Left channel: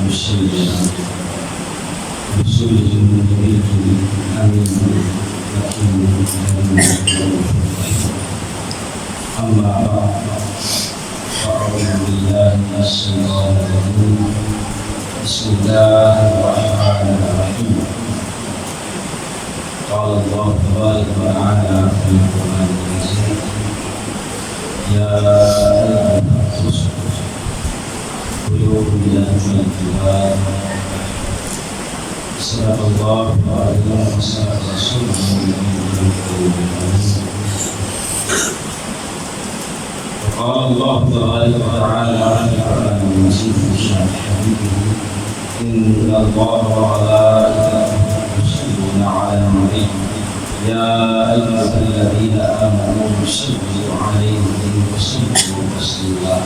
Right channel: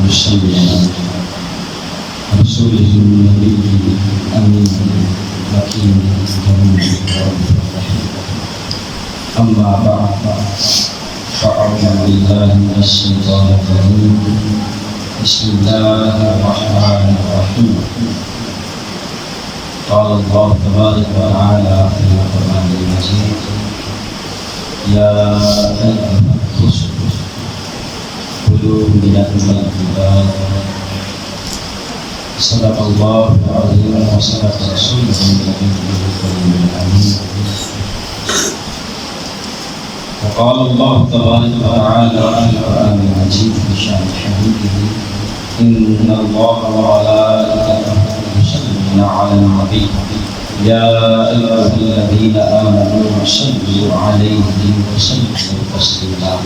بسم رسوله النبي الأمين الحكيم الكريم أما بعد فأعوذ بالله من الشيطان الرجيم بسم الله الرحمن الرحيم قال الله تبارك وتعالى في القرآن المجيد يا أيها الرسل كلوا من الطيبات صدق الله العظيم وصدق رسوله النبي الأمين وقال الله تبارك وتعالى في القرآن المجيد في شأن حبيبه إن الله وملائكته يصلون على النبي يا أيها الذين آمنوا صلوا عليه وسلموا تسليما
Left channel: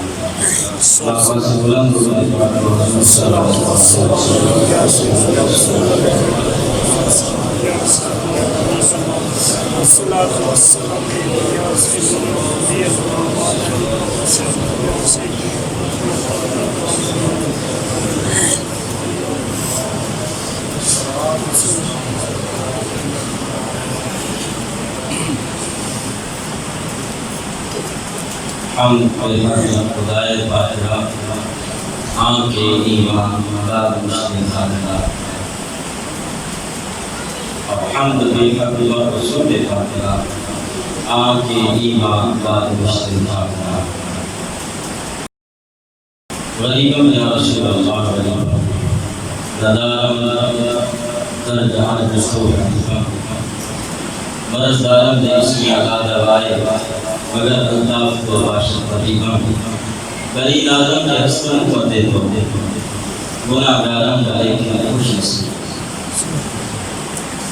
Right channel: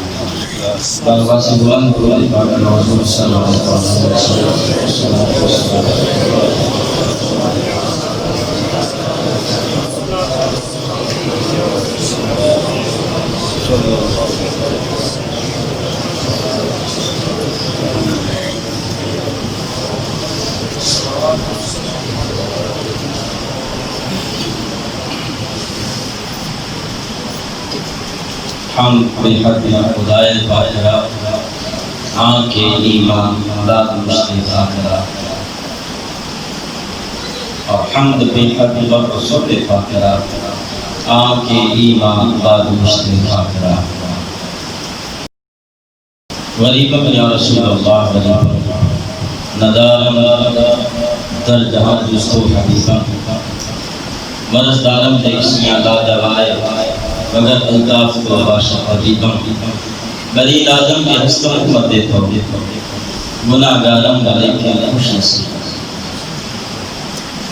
ہم بحق خدائے باقرہ آنکھ ایمان داد مشتق آخرہ اور حمد بحق رسول باقرہ آنکھ ایمان داد مشتق آخرہ غریبم یا رسول اللہ غریبم ندارم در جہان جستو حدیثہ مرض دارم دے اسمی علا دوائے مگر الطاف کو باشد حبیباں بری لازم کے حسن کر دیتا ہوں گناہ گارم لیکن خوش نصیب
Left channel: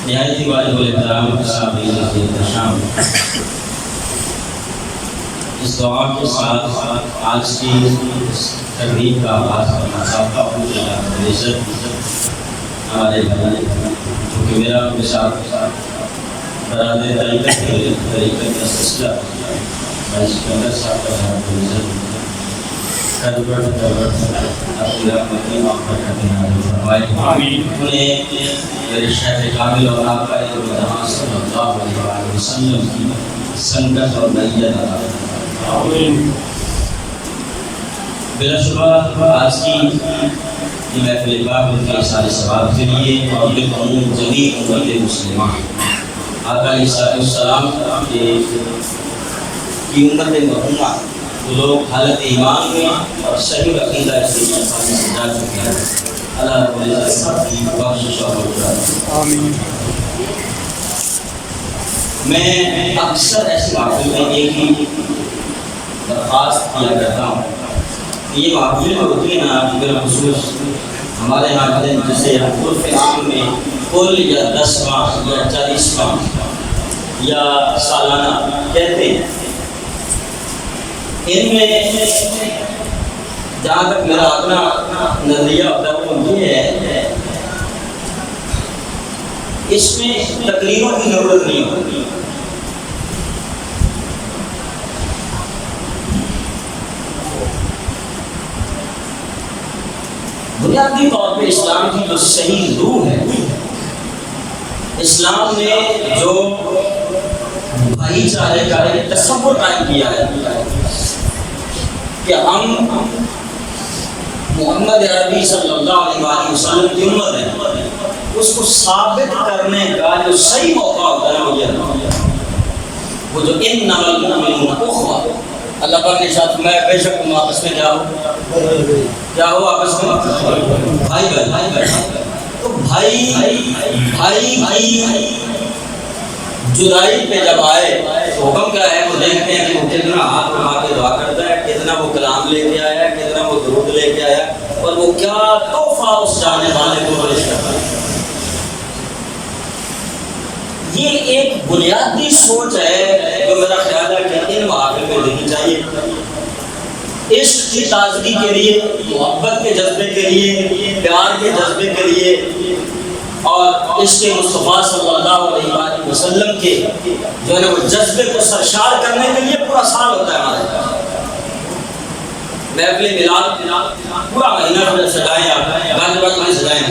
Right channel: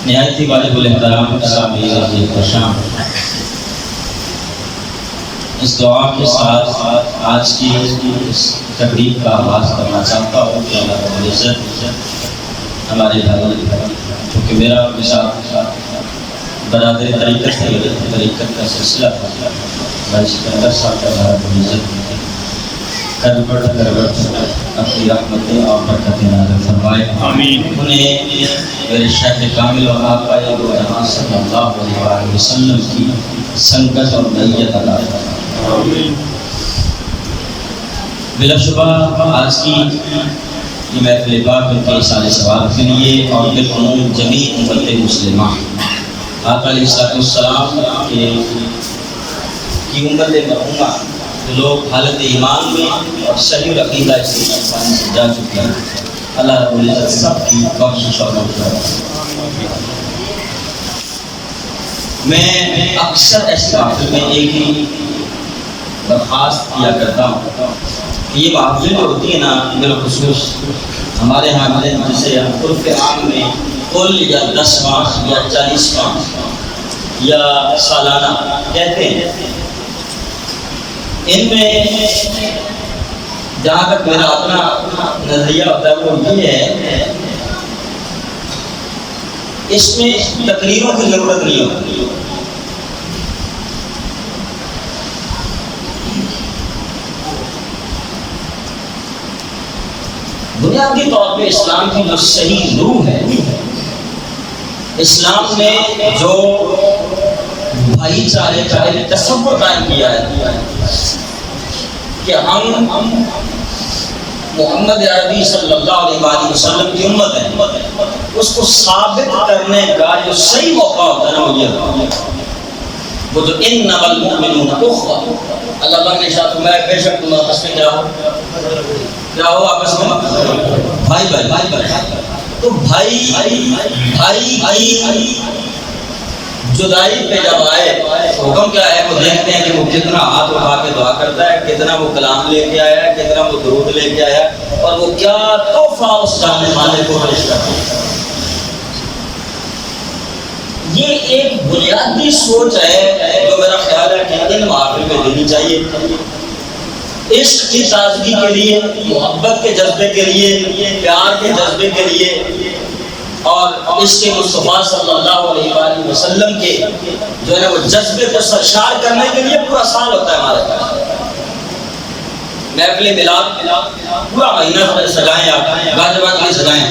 نہایتی واجب الاحترام سامعین عزیز شام اس دعا کے ساتھ آج کی اس تقریب کا آغاز کرنا چاہتا ہوں کہ اللہ رب العزت ہمارے بھائی کیونکہ میرا اپنے ساتھ برادر طریقت کا سلسلہ بھائی سکندر صاحب کا اللہ رب العزت کربٹ اپنی رحمتیں اور برکتیں نازل فرمائے آمین انہیں میرے شیخ کامل اور آقا دو جہاں صلی اللہ علیہ وسلم کی سنگت اور میت عطا آمین بلا شبہ آج کی یہ محفل پاک ان کے اصال ثواب کے لیے اور بالعموم جمیع امت مسلمہ آقا علیہ السلام کی امت مرحومہ وہ لوگ حالت ایمان میں اور صحیح عقیدہ اس سے جا چکے ہیں اللہ رب العزت سب کی بخشش اور آمین میں اکثر ایسی محفل میں ایک ہی درخواست کیا کرتا ہوں یہ محفل جو ہوتی ہے نا بالخصوص ہمارے ہاں جسے عرف عام میں کل یا 10 ماہ یا 40 ماہ یا سالانہ کہتے ہیں ان میں جہاں تک میرا اپنا نظریہ ہوتا ہے وہ یہ ہے اس میں تقریروں کی ضرورت نہیں ہوتی بنیادی طور پہ اسلام کی جو صحیح روح ہے اسلام نے جو بھائی چارے کا ایک تصور قائم کیا ہے کہ ہم محمد عربی صلی اللہ علیہ وسلم کی امت ہے اس کو ثابت کرنے کا جو صحیح موقع ہوتا ہے نا وہ جو انما المؤمنون اخوہ اللہ پر نے ارشاد فرمایا بے شک تم آپس میں کیا ہو آپس میں بھائی تو بھائی جدائی پہ جب آئے حکم کیا ہے وہ دیکھتے ہیں کہ وہ کتنا ہاتھ اٹھا کے دعا کرتا ہے کتنا وہ کلام لے کے آیا ہے کتنا وہ درود لے کے آیا اور وہ کیا تحفہ اس جانے والے کو پیش کرتا ہے یہ ایک بنیادی سوچ ہے جو میرا خیال ہے کہ ان محافل میں دینی چاہیے عشق کی تازگی کے لیے محبت کے جذبے کے لیے پیار کے جذبے کے لیے اور عشق مصطفیٰ صلی اللہ علیہ وآلہ وسلم کے جو ہے وہ جذبے کو سرشار کرنے کے لیے پورا سال ہوتا ہے ہمارے پاس محفل میلاد پورا مہینہ سجائیں آپ گانے بانے سجائیں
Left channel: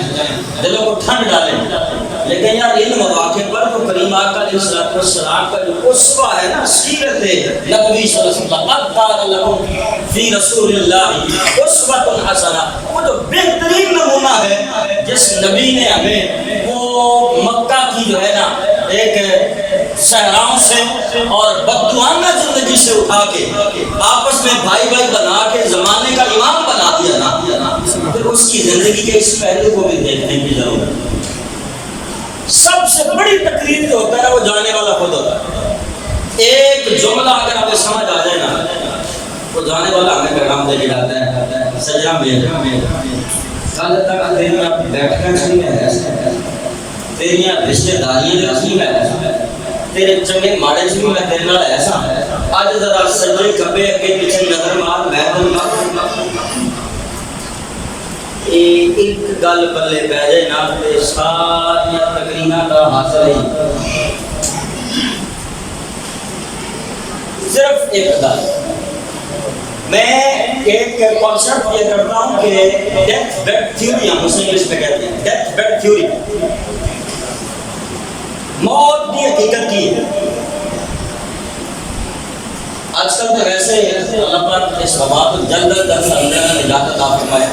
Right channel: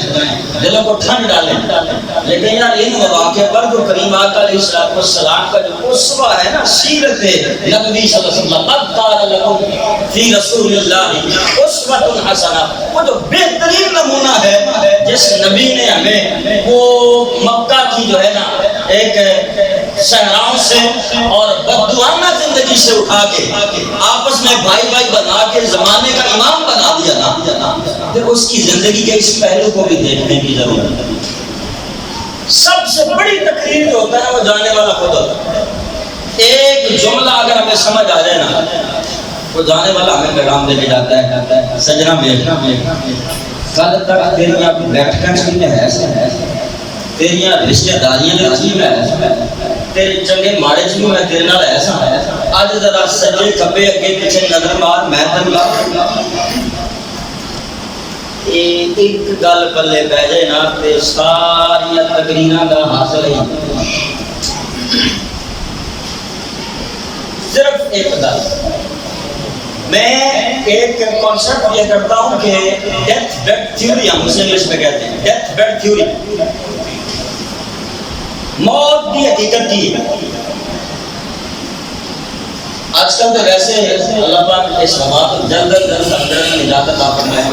دلوں کو ٹھنڈ ڈالیں، لیکن یار ان مواقع پر تو کریم آقا علیہ السلام کا جو اسوہ ہے نا، سیرت نبوی صلی اللہ علیہ وسلم، قد کان لکم فی رسول اللہ اسوۃ حسنہ، وہ جو بہترین نمونہ ہے جس نبی نے ہمیں وہ مکہ کی جو ہے نا ایک صحراؤں سے اور بددعانہ زندگی سے اٹھا کے آپس میں بھائی بھائی بنا کے زمانے کا امام بنا دیا نا، پھر اس کی زندگی کے اس پہلو کو بھی دیکھنے کی ضرورت ہے۔ سب سے بڑی تقریر جو ہوتا ہے نا وہ جانے والا خود ہوتا ہے۔ ایک جملہ اگر ہمیں سمجھ آ جائے نا، وہ جانے والا ہمیں پیغام دے کے جاتا ہے، سجنا بیٹھنا کل تک تیریاں بیٹھنا چاہیے میں ہے، تیریاں رشتہ داریاں چاہیے میں، تیرے چنگے ماڑے چ بھی میں تیرے نال ایسا اج ذرا سجے کبے اگے پیچھے نظر مار، میں تن ایک گل پلے پہ جائے نا تے ساری تقریراں دا حاصل ہی صرف ایک گل۔ میں ایک کانسیپٹ یہ کرتا ہوں کہ ڈیتھ بیڈ تھیوری، ہم اسے انگلش میں کہتے ہیں ڈیتھ بیڈ تھیوری، موت کی حقیقت کی ہے۔ آج کل تو ویسے اللہ پاک اس وبا کو جلد از جلد اندر نجات عطا فرمائے،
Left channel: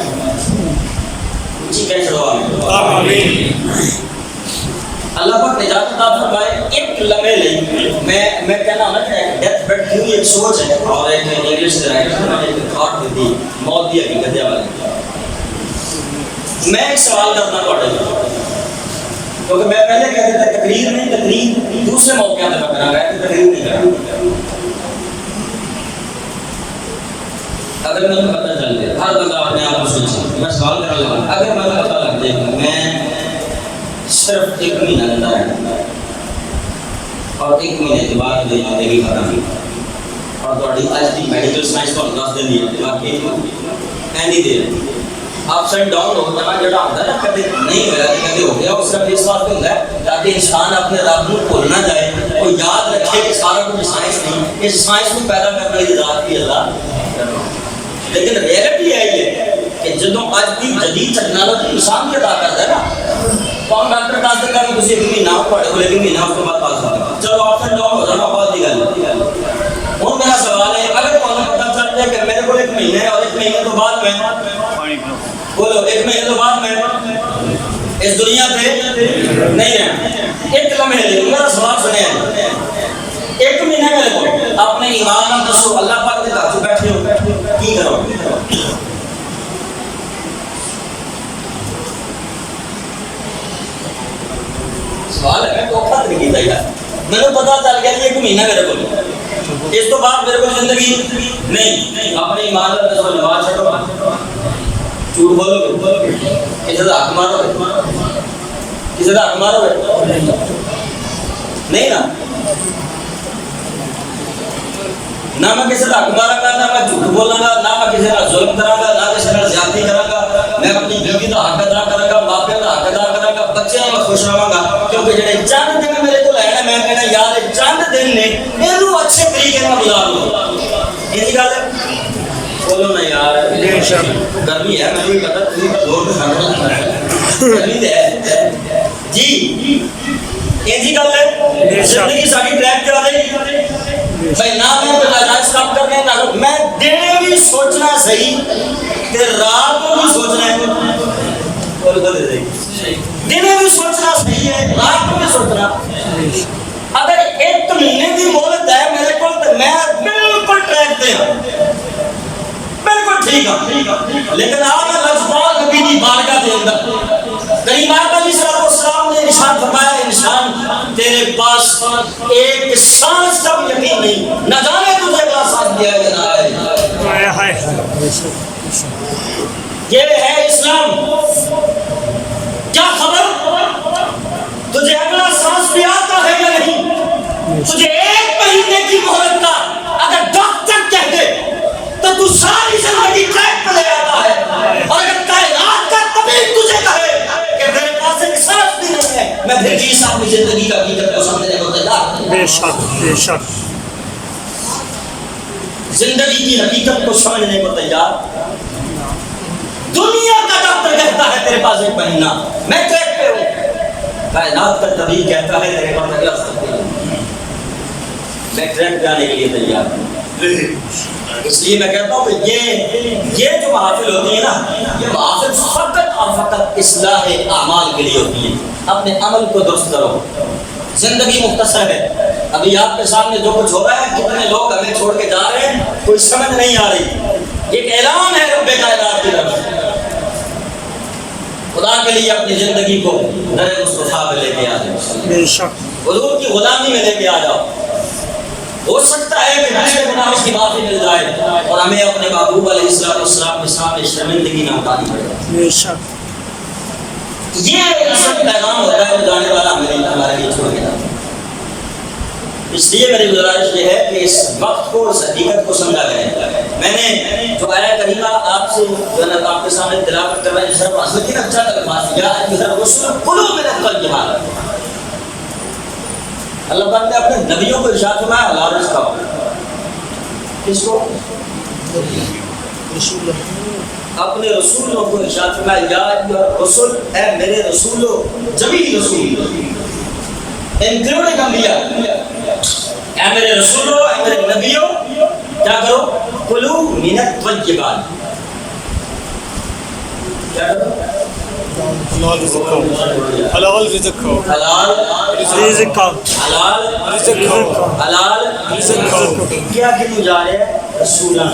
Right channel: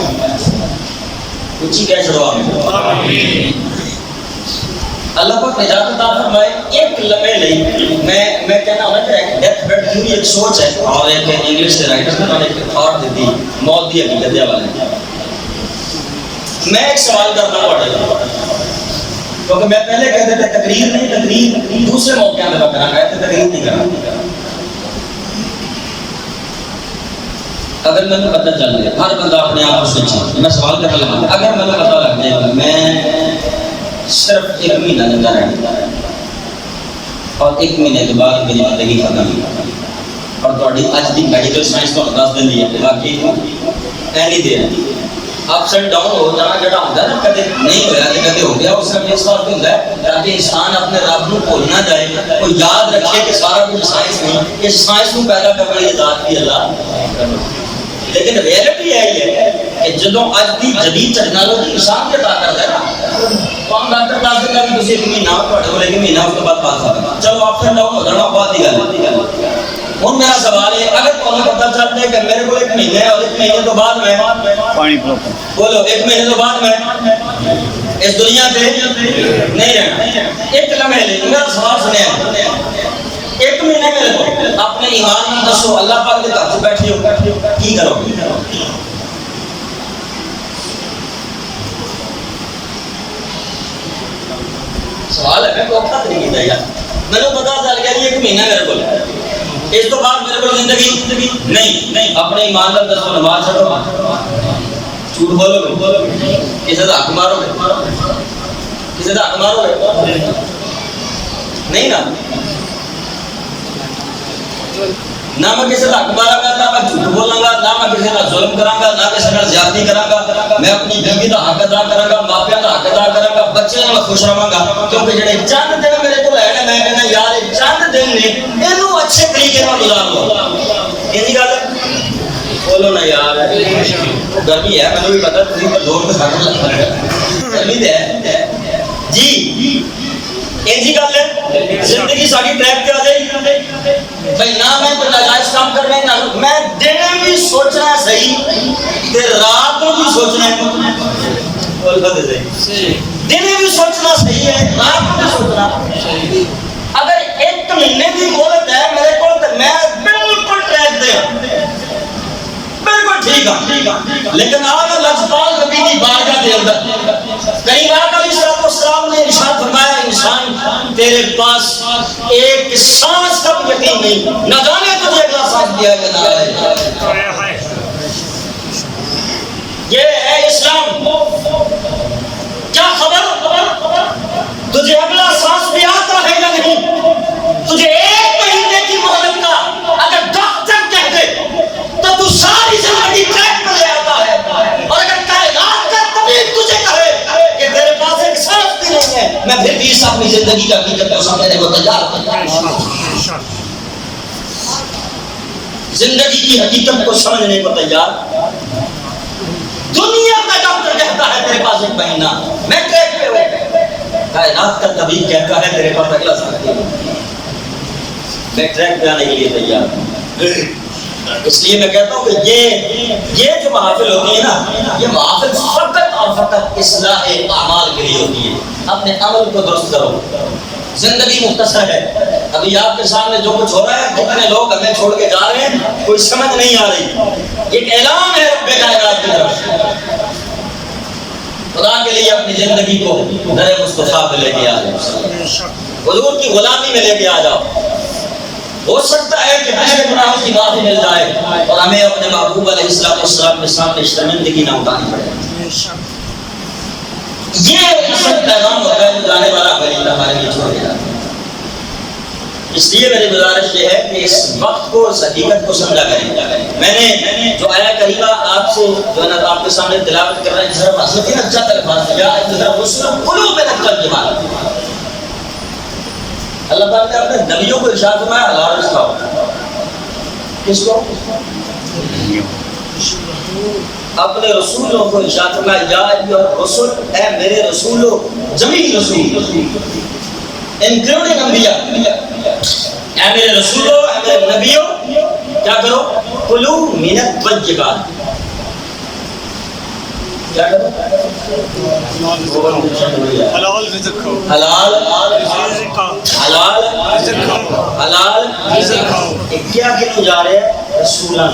اونچی کہہ چھڑو آمین، اللہ پاک نجات عطا فرمائے۔ ایک لمحے لئی میں کہنا ہوں نا کہ ڈیتھ بیڈ تھیوری ایک سوچ ہے، اور ایک انگلش سے رائٹر نے ایک تھاٹ دی تھی موت کی حقیقت کے حوالے میں۔ میں ایک سوال کرنا پڑے کیونکہ میں پہلے کہتے تھے تقریر نہیں، تقریر دوسرے موقع میں کرنا ہے، تقریر نہیں کرنا۔ اگر میں پتہ چل گیا، ہر بندہ اپنے آپ کو سوچے، میں سوال کرنے لگا اگر میں پتہ لگ جائے گا میں صرف ایک مہینہ زندہ رہنا اور ایک مہینے کے بعد میری زندگی ختم ہوئی، اور تھوڑی اج دی میڈیکل سائنس تو دس دن دی ہے باقی any there ups and down ہو جانا جڑا ہوتا ہے نا، کدے نہیں ہویا تے کدے ہو گیا، اس کا اس واسطے ہوتا ہے تاکہ انسان اپنے رب کو بھول نہ جائے، وہ یاد رکھے کہ سارا کچھ سائنس نہیں، اس سائنس کو پیدا کرنے والی ذات بھی اللہ کرو۔ لیکن ریئلٹی ہے کہ جدوں اج دی جدید ٹیکنالوجی انسان کے عطا کرتا ہے نا، تو ہم ڈاکٹر دس دن کہ تسی ایک مہینہ پڑھے ہو، لیکن مہینہ اس کے بعد پاس آ گیا، چلو اپس اینڈ ڈاؤن ہو جانا بہت ہی گل۔ ہوں میرا سوال ہے اگر تمہیں پتہ چل جائے کہ میرے کو ایک مہینے اور ایک مہینے تو بعد میں بولو ایک مہینے تو بعد میں اس دنیا سے نہیں رہنا، ایک لمحے لے میرا سوال سنے ایک مہینے میرے کو اپنے ایمان نام دسو، اللہ پاک کے گھر سے بیٹھے ہو کی کرو گے؟ سوال ہے، میں دھوکھا تو نہیں کیتا یار، میں نے پتا چل گیا ایک مہینہ میرے کو، اس تو بعد میرے کو زندگی نہیں، اپنے ایمان کا دسو، نماز چھڑو، جھوٹ بولو گے، کسی کا حق مارو گے، کسی کا حق مارو گے نہیں نا، نہ میں کسی کا حق مارا گا، نہ میں جھوٹ بولاں گا، نہ میں کسی کا ظلم کراں گا، نہ کسی کا زیادتی کراں گا، میں اپنی بیوی کا حق ادا کراں گا، ماپیاں کا حق ادا کراں گا، بچیاں نال خوش رہاں گا، کیونکہ جڑے چند دن میرے کو لینے میں کہنا یار یہ چند دن نے اینو اچھے طریقے نال گزار لو، ایسی گل ہے بولو نا یار، گرمی ہے مجھے بھی پتہ تھی زور تو کھانا لگتا ہے، گرمی ہے جی، ایسی گل ہے زندگی ساری ٹریک پہ آ جائے گی بھائی، نہ میں کوئی ناجائز کام کرنے نہ میں دنے بھی سوچنا صحیح تے رات کو بھی سوچنا ہے، دنے بھی سوچنا صحیح ہے رات کو بھی سوچنا۔ اگر ایک مہینے کی مہلت ہے میرے کو تو میں بالکل ٹریک دے ہوں، بالکل ٹھیک ہوں، لیکن آج لفظان نبی دی بارگاہ دے اندر کہیں آقا علیہ السلام نے ارشاد فرمایا انسان تیرے پاس ایک سانس کا بھی یقین نہیں، نہ جانے تجھے اگلا سانس دیا کہ نہ آئے، یہ ہے اسلام۔ کیا خبر تجھے اگلا سانس بھی آتا ہے یا نہیں؟ تجھے ایک مہینے کی مہلت کا اگر ڈاکٹر کہہ دے تو تو ساری زندگی ٹریک پہ لے آتا ہے، اور اگر کائنات کا طبیب تجھے کہے کہ تیرے پاس ایک سانس بھی نہیں ہے، میں پھر بھی اپنی زندگی کا حقیقت کو سمجھنے کو تیار ہوں۔ زندگی کی حقیقت کو سمجھنے کو تیار. دنیا کا ڈاکٹر کہتا ہے تیرے پاس ایک مہینہ, میں ٹریک پہ ہوں. کائنات کا طبیب کہتا ہے تیرے پاس اگلا سال ہے, میں ٹریک پہ آنے کے لیے تیار ہوں. اس لیے میں کہتا ہوں کہ یہ جو محافل ہوتی ہے نا, یہ محافل فقط اور فقط اصلاح اعمال کے لیے ہوتی ہے. اپنے عمل کو درست کرو. زندگی مختصر ہے. ابھی آپ کے سامنے جو کچھ ہو رہا ہے, کتنے لوگ ہمیں چھوڑ کے جا رہے ہیں, کوئی سمجھ نہیں آ رہی. یہ ایک اعلان ہے رب کائنات کی طرف سے. خدا کے لیے اپنی زندگی کو در مصطفیٰ پہ لے کے آ جاؤ, حضور کی غلامی میں لے کے آ جاؤ. ہو سکتا ہے کہ پچھلے گناہوں کی معافی مل جائے اور ہمیں اپنے محبوب علیہ السلام کے سامنے شرمندگی نہ اٹھانی پڑے. یہ اصل پیغام ہوتا ہے جو جانے والا ہمارے لیے چھوڑ کے جاتا ہے. اس لیے میری گزارش یہ ہے کہ اس وقت کو, اس حقیقت کو سمجھا کریں. میں نے جو آیا کریمہ آپ سے جو ہے نا آپ کے سامنے تلاوت کر رہا ہے, شرف حاصل کی اچھا الفاظ یا رسول قلوب رقل جمال. اللہ تعالیٰ نے اپنے نبیوں کو ارشاد فرمایا حلال رزق کھاؤ. کس کو؟ اپنے رسولوں کو ارشاد فرمایا یا ایھا الرسل, اے میرے رسولو, جمیع رسول انکلوڈنگ انبیاء, اے میرے رسولو, اے میرے نبیوں, کیا کرو؟ کلو من الطیبات. کیا کرو؟ حلال رزق کھاؤ. حلال رزق کھاؤ. حلال رزق کھاؤ. حلال رزق کھاؤ. کیا کنوں جا رہے ہیں؟ رسولاں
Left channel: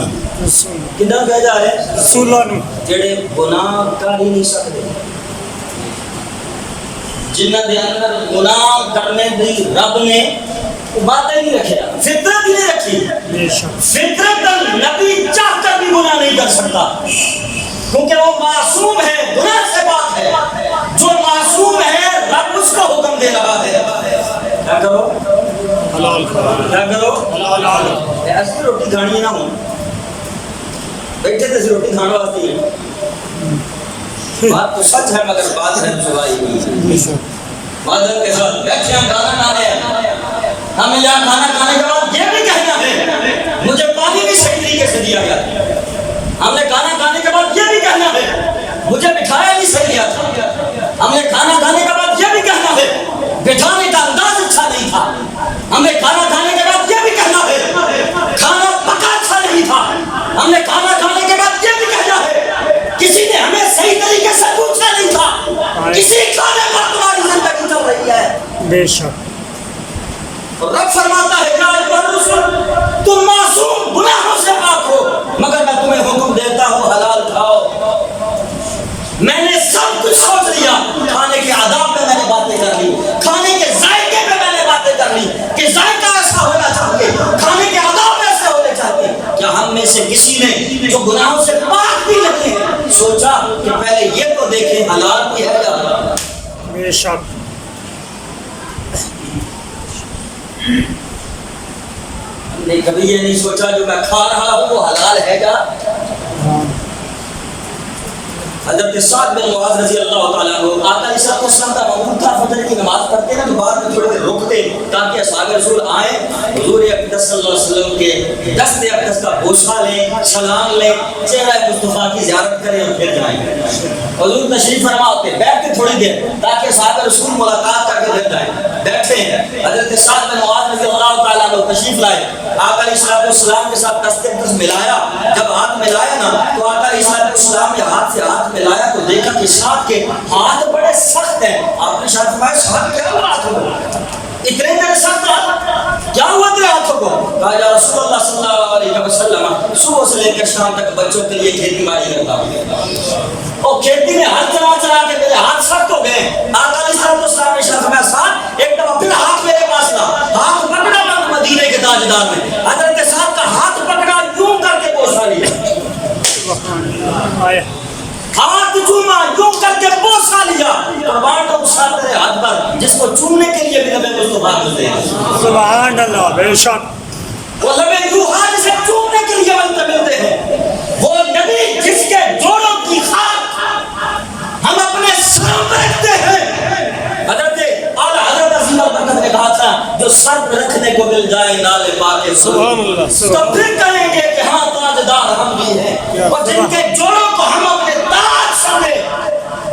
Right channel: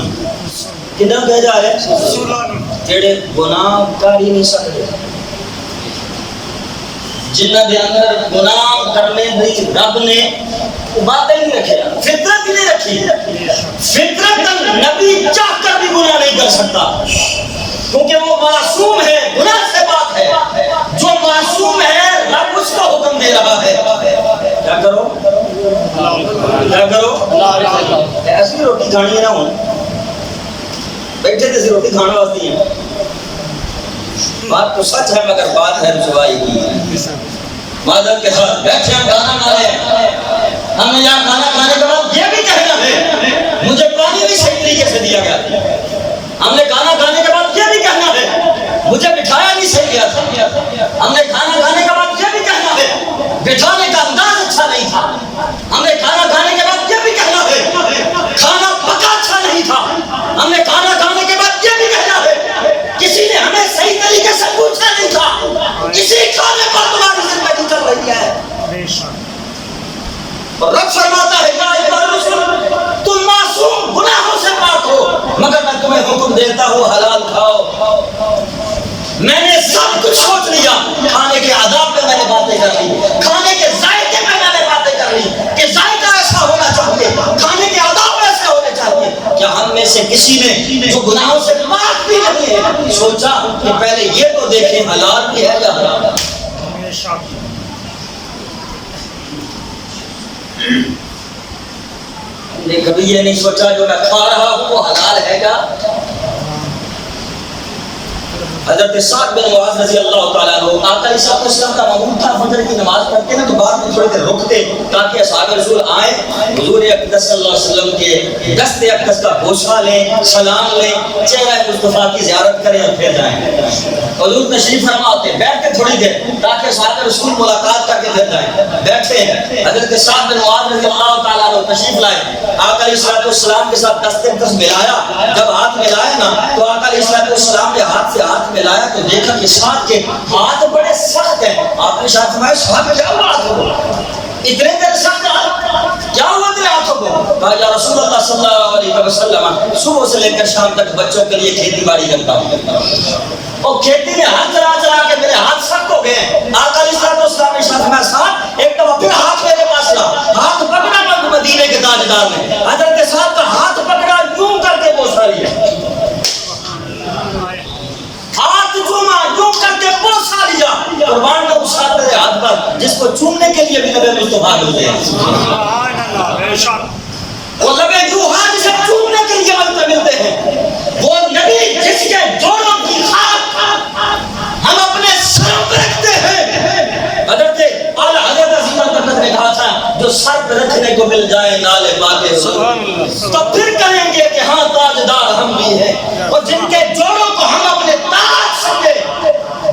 کدھر کہہ جا رہے ہیں؟ رسولاں جڑے گناہ کر ہی نہیں سکتے, جنہاں دے اندر گناہ کرنے دی رب نے باتیں نہیں رکھے, فطرت ہی نہیں رکھی. فطرت نبی چاہ کر بھی گناہ نہیں کر سکتا, کیونکہ وہ معصوم ہے, گناہ سے پاک ہے. جو معصوم ہے رب اس کو حکم دے رہا ہے کیا کرو؟ حلال کھاؤ. کیا کرو؟ حلال کھاؤ. ایسی روٹی کھانی ہے نا, ہوں بیٹھے تھے روٹی کھانے واسطے ہی ہیں. بات تو سچ ہے مگر بات ہے رسوائی کی. معذرت کے ساتھ بیٹھے ہیں کھانا کھا رہے ہیں, ہمیں یہاں کھانا کھانے کے بعد یہ بھی کہنا ہے مجھے پانی بھی صحیح طریقے سے دیا گیا تھا. ہم نے کھانا کھانے کے بعد یہ بھی کہنا ہے مجھے بٹھایا نہیں صحیح گیا تھا. ہم نے کھانا کھانے کے بعد یہ بھی کہنا ہے بٹھانے کا انداز اچھا نہیں تھا. ہم نے کھانا کھانے کے بعد یہ بھی کہنا ہے کھانا پکا اچھا نہیں تھا. ہم نے کھانا کھانے کے بعد یہ بھی کہنا ہے کسی نے ہمیں صحیح طریقے سے پوچھا نہیں تھا. اسی کھانے پر تمہاری زندگی چل رہی ہے. بے شک. اور رب فرماتا ہے یا ایھا الرسل, تم معصوم گناہوں سے پاک ہو, مگر میں تمہیں حکم دیتا ہوں حلال کھاؤ. میں نے سب کچھ سوچ لیا, کھانے کے آداب پہ میں نے باتیں کر لی, کھانے کے ذائقے پہ میں نے باتیں کر لی کہ ذائقہ ایسا ہونا چاہیے, کھانے کے آداب ایسے ہونے چاہیے. کیا ہم میں سے کسی نے جو گناہوں سے پاک بھی نہیں ہے سوچا کہ پہلے یہ تو دیکھیں حلال بھی ہے یا حرام ہے؟ بے شک. نے کبھی یہ نہیں سوچا جو میں کھا رہا ہوں وہ حلال ہے کیا؟ حضرت سعد بن معاذ رضی اللہ تعالیٰ عنہ, آقا علیہ السلام کا معمول تھا فجر کی نماز پڑھتے نا تو بعد میں تھوڑی دیر رکتے تاکہ اصحاب رسول آئیں, حضور اقدس صلی اللہ علیہ وسلم کے دست اقدس کا بوسہ لیں, سلام لیں, چہرہ مصطفیٰ کی زیارت کریں اور پھر جائیں. حضور تشریف فرما ہوتے, بیٹھ کے تھوڑی دیر تاکہ صاحب رسول ملاقات کر کے پھر جائیں. بیٹھے ہیں, حضرت سعد بن معاذ رضی اللہ تعالیٰ عنہ تشریف لائے, آقا علیہ السلام کے ساتھ دست اقدس ملایا. جب ہاتھ ملایا نا تو آقا علیہ السلام نے ہاتھ سے ہاتھ ملایا تو دیکھا کہ سعد کے ہاتھ بڑے سخت ہیں. آپ نے شاید فرمایا سعد کیا ہوا ہاتھوں کو, اتنے دیر سخت کیا ہوا تیرے ہاتھوں کو؟ کہا یا رسول اللہ صلی اللہ علیہ وسلم, صبح سے لے کر شام تک بچوں کے لیے کھیتی باڑی کرتا ہوں اور کھیتی میں ہاتھ چلا چلا کے میرے ہاتھ سخت ہو گئے. آقا علیہ السلام نے شاید فرمایا سعد ایک دفعہ پھر ہاتھ میرے پاس لا. ہاتھ پکڑا مدینے کے تاجدار نے, حضرت سعد کا ہاتھ پکڑا, یوں کر کے بوسہ لیا, ہاتھ چوما, یوں کر کے بوسہ لیا. قربان کا اس ہاتھ میرے ہاتھ پر جس کو چومنے کے لیے بھی نبی مصطفیٰ ملتے ہیں. سبحان اللہ. بے شک. وہ نبی جو ہاتھ جسے چومنے کے لیے ملتے ہیں, وہ نبی جس کے جوڑوں کی خاک ہم اپنے سروں پر رکھتے ہیں. حضرت اعلیٰ حضرت عظیم البرکت نے کہا تھا جو سر پہ رکھنے کو مل جائے نالے باقی سبحان اللہ تو پھر کہیں گے کہ ہاں تاجدار ہم بھی ہیں. اور جن کے جوڑوں کو ہم اپنے تاج سمجھے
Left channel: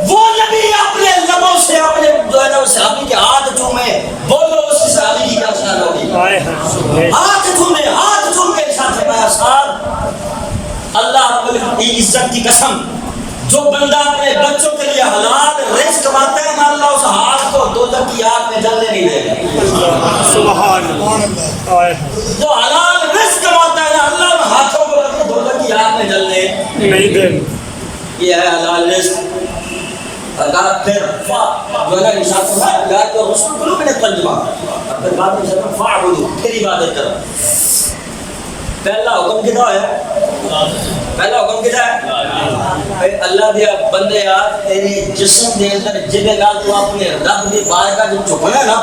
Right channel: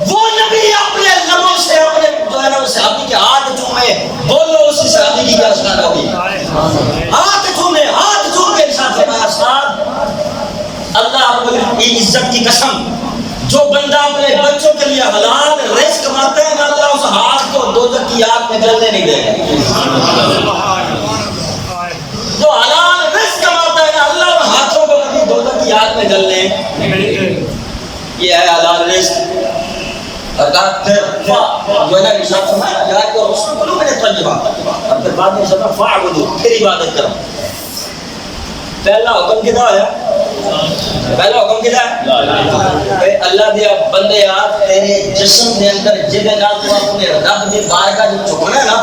وہ نبی اپنے لبوں سے اپنے جو ہے نا صحابی کے ہاتھ چومے. بولو اس صحابی کی کیا شان ہوگی؟ ہاتھ چومے, ہاتھ چوم کے ارشاد فرمایا صاحب اللہ رب العزت کی قسم جو بندہ اپنے بچوں کے لیے حلال رزق کماتا ہے نا اللہ اس ہاتھ کو دوزخ کی آگ میں جلنے نہیں دے گا. جو حلال رزق کماتا ہے نا اللہ ان ہاتھوں کو کبھی دوزخ کی آگ میں جلنے نہیں دے. یہ ہے حلال رزق. اگر پھر جو ہے نا ارشاد فرمایا یا تو رسول قلوب من الطیبات اور پھر بعد میں ارشاد فرمایا فاعبدوا پھر عبادت کرو. پہلا حکم کدا ہے؟ پہلا حکم کدا ہے؟ اللہ دیا بندے یار تیرے جسم دے اندر جدے نال تو اپنے رب دی بارگاہ جو چکنا ہے نا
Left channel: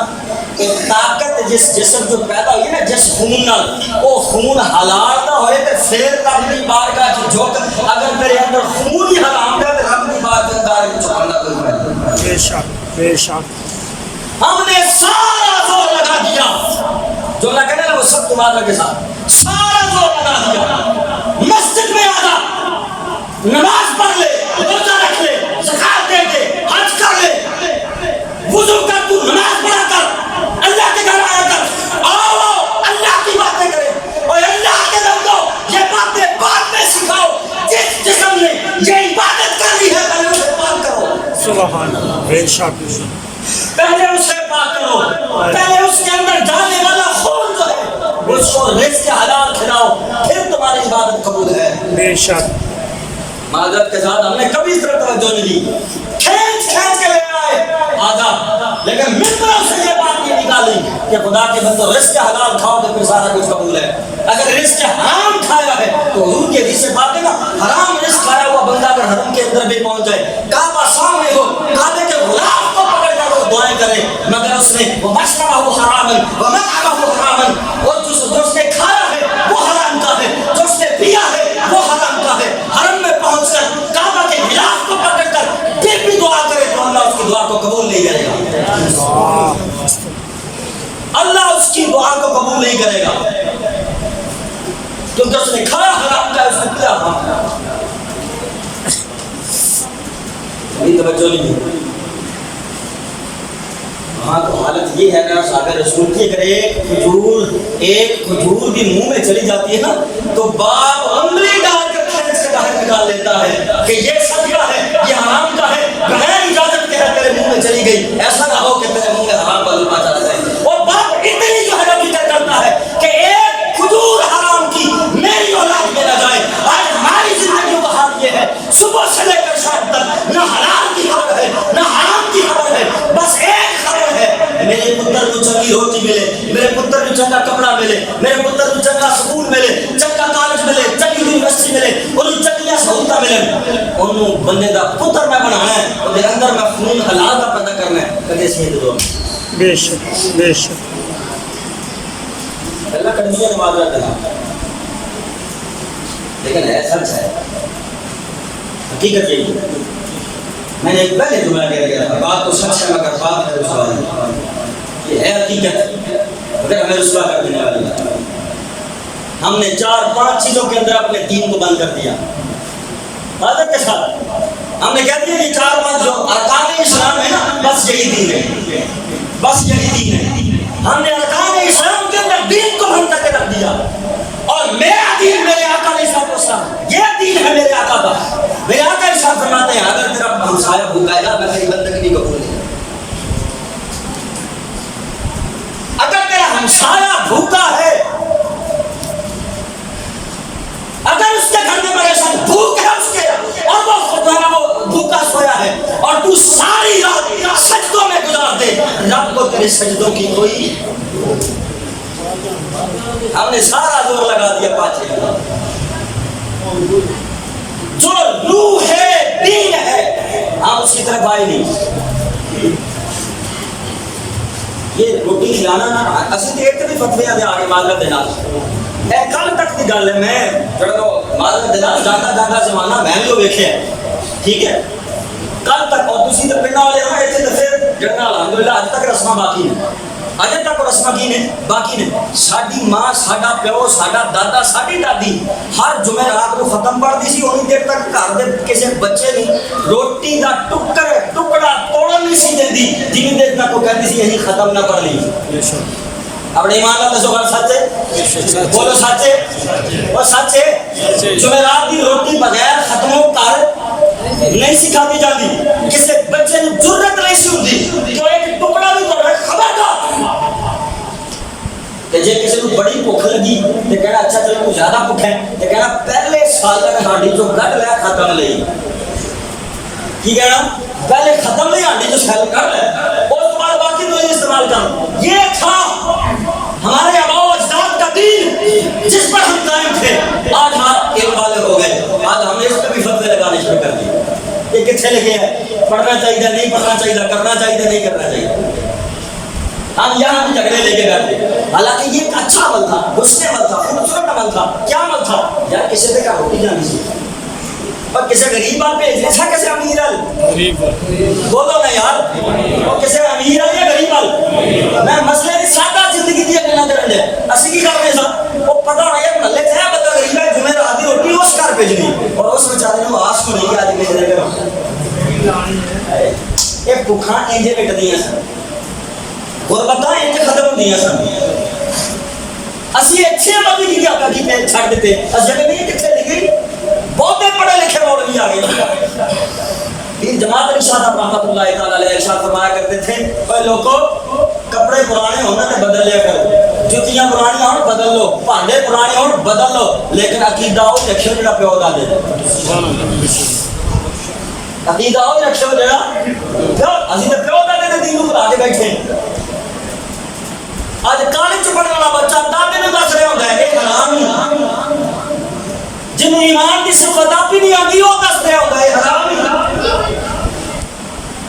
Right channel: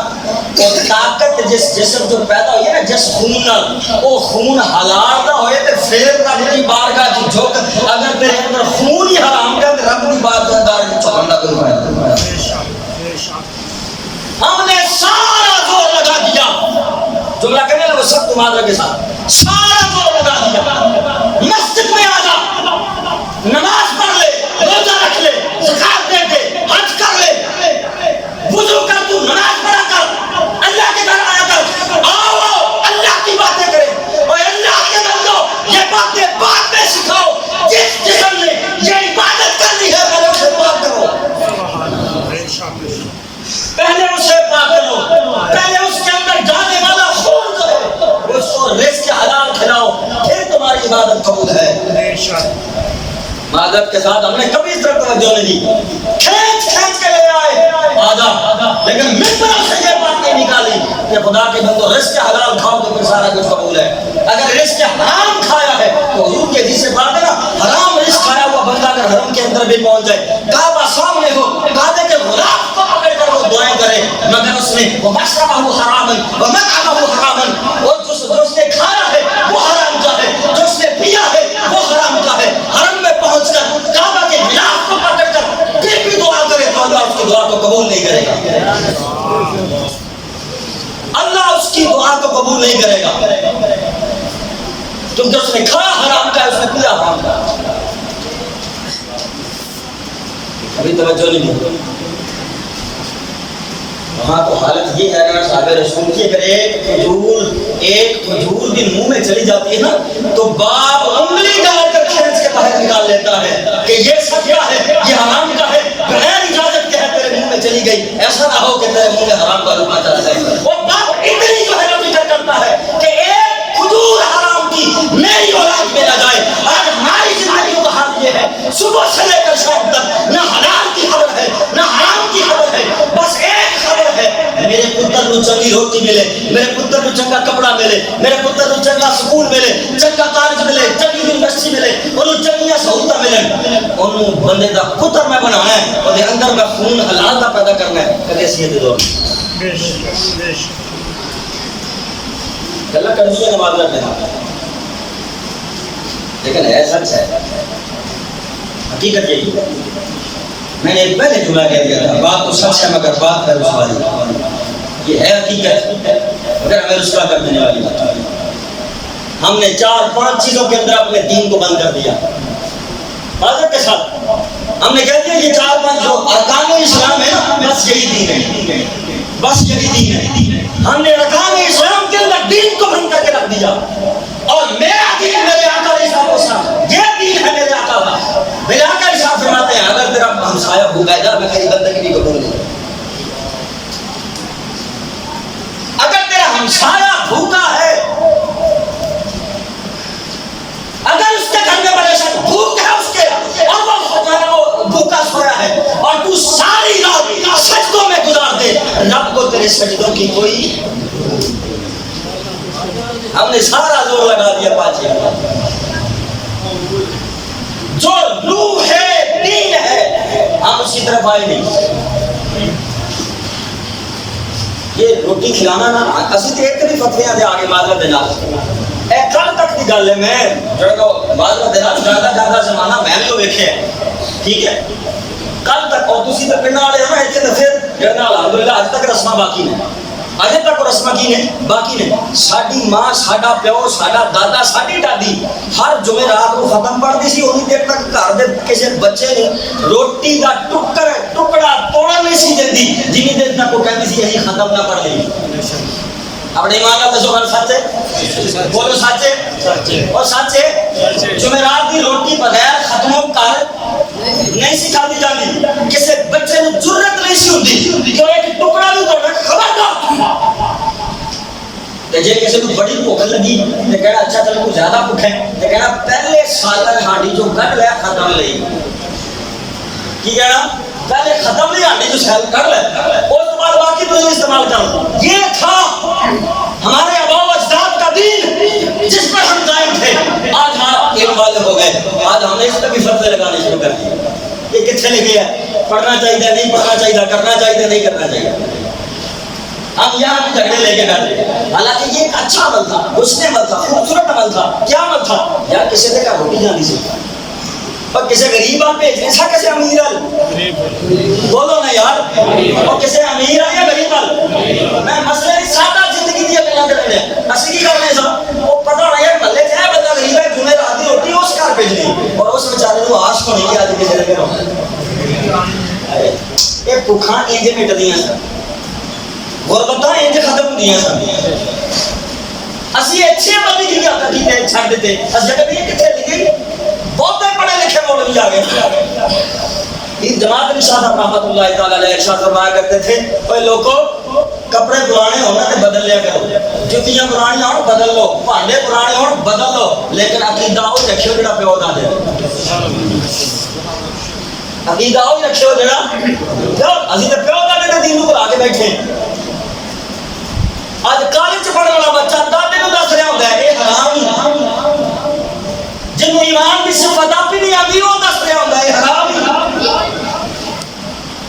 وہ طاقت جس جسم جو پیدا ہوئی ہے نا جس خون نال وہ خون حلال نہ ہوئے تے پھر رب دی بارگاہ جو جھک اگر تیرے اندر خون ہی حرام ہے تے رب دی بارگاہ چکنا کوئی فائدہ نہیں. بے شک بے شک. ہم نے سارا زور لگا دیا جملہ کہنے لگا وہ سب تمہارے کے ساتھ سارا زور لگا دیا مسجد میں آ جا نماز پڑھ لے روزہ رکھ لے زکات دے دے حج کر لے وضو کر تو نماز پڑھا کر اللہ کے گھر آیا کر آؤ اللہ کی باتیں کرے اور اللہ کے بندو یہ باتیں بعد میں سکھاؤ. جس جسم نے یہ عبادت کر لی ہے پہلے اسے پاک کرو. سبحان اللہ بے شک. پہلے اسے پاک کرو. پہلے اس کے اندر جانے والا خون جو ہے اس کو رزق حلال کھلاؤ پھر تمہاری عبادت قبول ہے. بے شک. معذرت کے ساتھ ہم نے کبھی اس طرح توجہ نہیں دی. کھینچ کھینچ کے لے آئے آجا لیکن ممبروں سے یہ بات نہیں نکالی کہ خدا کے بندو رزق حلال کھاؤ تو پھر سارا کچھ قبول ہے. اگر رزق حرام کھایا ہے تو حضور کے حدیث سے بات ہے نا حرام رزق کھایا ہوا بندہ اگر حرم کے اندر بھی پہنچ جائے کعبہ سامنے ہو کعبے کے غلاف کو پکڑ کر وہ دعائیں کرے مگر اس نے وہ مشربہ حراما ومطعمہ حراما اور جو اس نے کھایا ہے وہ حرام کا ہے جو اس نے پیا ہے وہ حرام کا ہے. حرم میں پہنچ کر کعبہ کے غلاف کو پکڑ کر پھر بھی دعا کرے تو اللہ اس کی دعا کو قبول نہیں کرے گا. اللہ اس کی دعا کو قبول نہیں کرے گا کیونکہ اس نے کھایا حرام کا اس نے پیا حرام کا. ابھی توجہ نہیں دی. وہاں تو حالت یہ ہے نا صحابہ رسول کی اگر ایک کھجور بھی منہ میں چلی جاتی ہے نا تو باپ انگلی ڈال کر کھینچ کے باہر نکال لیتا ہے کہ یہ صدقہ ہے یہ حرام کا ہے بغیر اجازت کے ہے تیرے منہ میں چلی گئی ایسا نہ ہو کہ تیرے منہ میں حرام کا لقمہ چلا جائے. اور باپ اتنی جو ہے نا فکر کرتا ہے کہ ایک کھجور حرام کی میری اولاد میں نہ جائے. آج ہماری زندگیوں کا حال یہ ہے صبح سے لے کر شام تک نہ حلال کی خبر ہے نہ حرام کی خبر ہے. بس ایک خبر ہے میرے پتر کو چنگی روٹی ملے میرے پتر کو چنگا کپڑا ملے میرے پتر کو چنگا سکول ملے چنگا کالج ملے چنگی یونیورسٹی ملے انہوں چنگیاں سہولتیں ملن انہوں بندے دا پتر میں بنانا ہے اور دے اندر میں خون حلال دا پیدا کرنا ہے کدے سی دے دور. بے شک بے شک. اللہ کر دیا نماز رکھنا لیکن ہے سچ ہے حقیقت یہی ہے. میں نے ایک پہلے جملہ کہہ دیا تھا بات تو سچ ہے مگر بات ہے رسوائی. یہ ہے حقیقت مگر ہمیں رسوا کر دینے والی بات. ہم نے 4-5 چیزوں کے اندر اپنے دین کو بند کر دیا معذرت کے ساتھ. ہم نے کہہ دیا یہ 4-5 جو ارکان اسلام ہے نا بس یہی دین ہے بس یہی دین ہے. ہم نے ارکان اسلام کے اندر دین کو بند کر کے رکھ دیا اور میرا دین میرے آقا علیہ السلام یہ دین ہے میرے آقا کا. میرے آقا ارشاد فرماتے ہیں اگر تیرا ہمسایہ بھوکا ہے میں تیری بندگی بھی قبول نہیں کروں. اگر تیرا ہمسایہ بھوکا ہے اگر اس کے گھر میں پریشان بھوک ہے اس کے اور وہ بھوکا سویا ہے اور تو ساری رات سجدوں میں گزار دے رب کو تیرے سجدوں کی کوئی. ہم نے سارا زور لگا دیا پاچے جو روح ہے دین ہے ہم اس کی طرف آئے نہیں. یہ روٹی کھلانا نا اسی تو ایک بھی فتویاں دے آگے معذرت دینا کل تک کی گل ہے. میں جڑا معذرت دینا جانا زمانہ میں بھی ویکھے ہے ٹھیک ہے کل تک اور تسی تے پنڈ والے ہو ایتھے تے پھر جڑا الحمدللہ اج تک رسماں باقی نے اجے تک رسم کی نے باقی نے ساڈی ماں ساڈا پیو ساڈا دادا ساڈی دادی ہر جمعرات کو ختم پڑھتی سی اونی دیر تک گھر دے کسی بچے نے روٹی دا ٹکڑا توڑن نہیں سی دیندی جنی دیر تک وہ کہندی سی یہی ختم نہ پڑھ لی اپنے ایمان اللہ دسو گل سچ ہے بولو سچ ہے اور سچ ہے جمعرات دی روٹی بغیر ختموں کر نہیں سکھاتی جاتی کسی بچے نے جرت نہیں سی ہوتی کہ ایک ٹکڑا بھی توڑ خبردار جے کسی کو بڑی بھوک لگی تے کہنا اچھا چلو کو زیادہ بھوک ہے تے کہنا پہلے سالن ہانڈی جو کر لیا ختم لئی کی کہنا پہلے ختم نہیں ہانڈی جو سال کر لے اس بعد باقی تو استعمال کر یہ تھا ہمارے آباء و اجداد کا دین جس پر ہم قائم تھے آج ہم علم والے ہو گئے آج ہم نے اس پہ بھی فتوے لگانے شروع کر دیے یہ کتنے لکھے ہے پڑھنا چاہیے نہیں پڑھنا چاہیے کرنا چاہیے نہیں کرنا چاہیے ہم یہاں بھی جھگڑے لے کے بیٹھے حالانکہ یہ ایک اچھا عمل تھا حسن عمل تھا خوبصورت عمل تھا کیا عمل تھا یار کسی دے کا روٹی جانی سی اور کسی غریب آل بھیجنے سا کسی امیر آل بولو نا یار اور کسی امیر آل یا غریب آل میں مسئلے نہیں سادہ زندگی دیا کرنا کرنے اسی کی کرنے سا وہ پتہ ہونا یار ملے چاہے بندہ غریب ہے جمعہ راتی روٹی اس کار بھیجنی اور اس بیچارے کو آش کو نہیں کہ آج بھیجنے کرو ایک بھوکھاں انجے مٹ دیاں سن غربتاں انجے ختم ہو دیاں سن اسی اچھے بندی کی کیا کیتے چھڑ دیتے اس جگہ بھی کتنے لگی بہت پڑھے لکھے مولوی آ گئے پیر جماعت ارشاد رحمۃ اللہ تعالی علیہ ارشاد فرمایا کرتے تھے اے لوگو کپڑے پرانے ہونا تے بدل لیا کرو جوتیاں پرانی ہون بدل لو بھانڈے پرانے ہون بدل لو لیکن عقیدہ او رکھیو جڑا پیو دا دے عقیدہ او رکھیو جڑا پیو اسی تے پیو دا دے دین نو بھلا کے بیٹھے اج کالج پڑھن والا بچہ دادے نو دس رہا ہوندا ہے اے حرام جنہوں ایمان کی صفت آپ ہی نہیں آتی وہ دس رہا ہوتا ہے حرام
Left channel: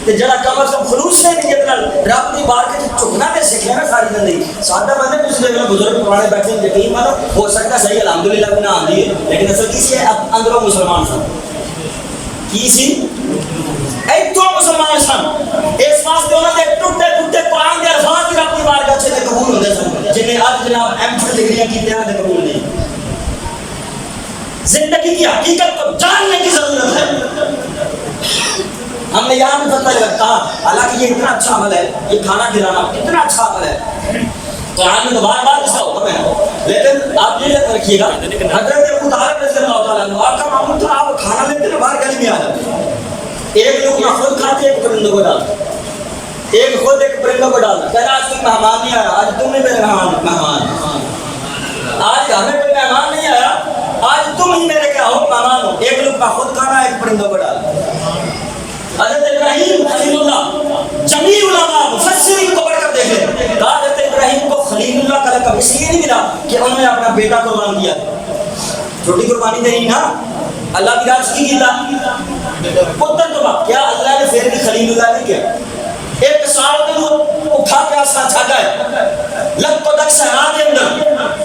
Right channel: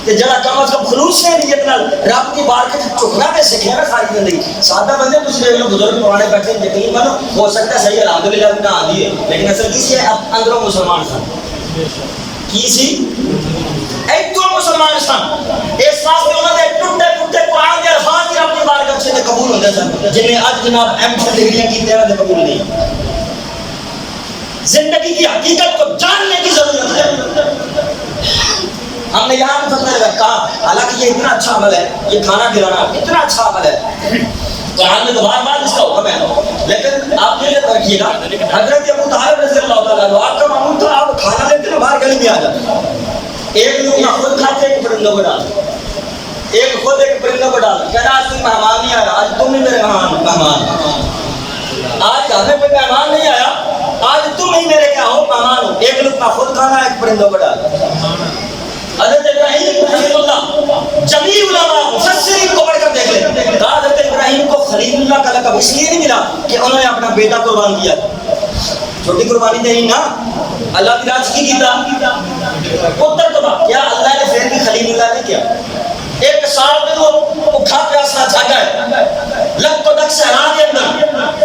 تے جڑا کم از کم خلوص سے نیت نال رب دی بار کے چکنا تے سکھیا نا ساری زندگی سادہ بندے کچھ لوگ بزرگ پرانے بیٹھے یقین مانو ہو سکتا ہے صحیح الحمدللہ بھی نہ آندی ہے لیکن اصل کسی ہے اندروں مسلمان سن کی سی ایک تو مسلمان سن اس واسطے انہوں نے ٹوٹے ٹوٹے قرآن دے الفاظ ہی اپنی بارگاہ سے قبول ہوندے سن جنہیں آج جناب ایم فل ڈگریاں کی تے قبول نہیں زندگی کی حقیقت کو جاننے کی ضرورت ہے ہم نے یہاں بھی فتوہ کہا حالانکہ یہ اتنا اچھا عمل ہے یہ کھانا کھلانا اتنا اچھا عمل ہے قرآن میں تو بار بار اس کا حکم ہے لیکن آپ یہ رکھیے گا حضرت ابو طالب رضی اللہ تعالیٰ عنہ آپ کا معمول تھا آپ کھانا لیتے نا باہر گلی میں آ جاتے ایک لقمہ خود کھاتے ایک پرندوں کو ڈالتے ایک خود ایک پرندوں کو ڈالتے کہہ رہا آج کوئی مہمان نہیں آیا آج تم ہی میرے مہمان آج ہمیں کوئی مہمان نہیں آیا آج تم ہی میرے کیا ہو مہمان ہو ایک لقمہ خود کھانا ایک پرندوں کو ڈالنا حضرت ابراہیم خلیل اللہ جمیع علماء مفسرین کو پڑھ کر دیکھ لیں کہا حضرت ابراہیم کو خلیل اللہ کا لقب اس لیے نہیں ملا کہ انہوں نے اپنا بیٹا قربان کیا چھوٹی قربانی نہیں نا اللہ کی راز کی کیتا پتر تو کیا اللہ نے پھر بھی خلیل اللہ نہیں کیا ایک سال میں وہ بھوکا پیاسا چھاڑا ہے لگ کو دک صحرا کے اندر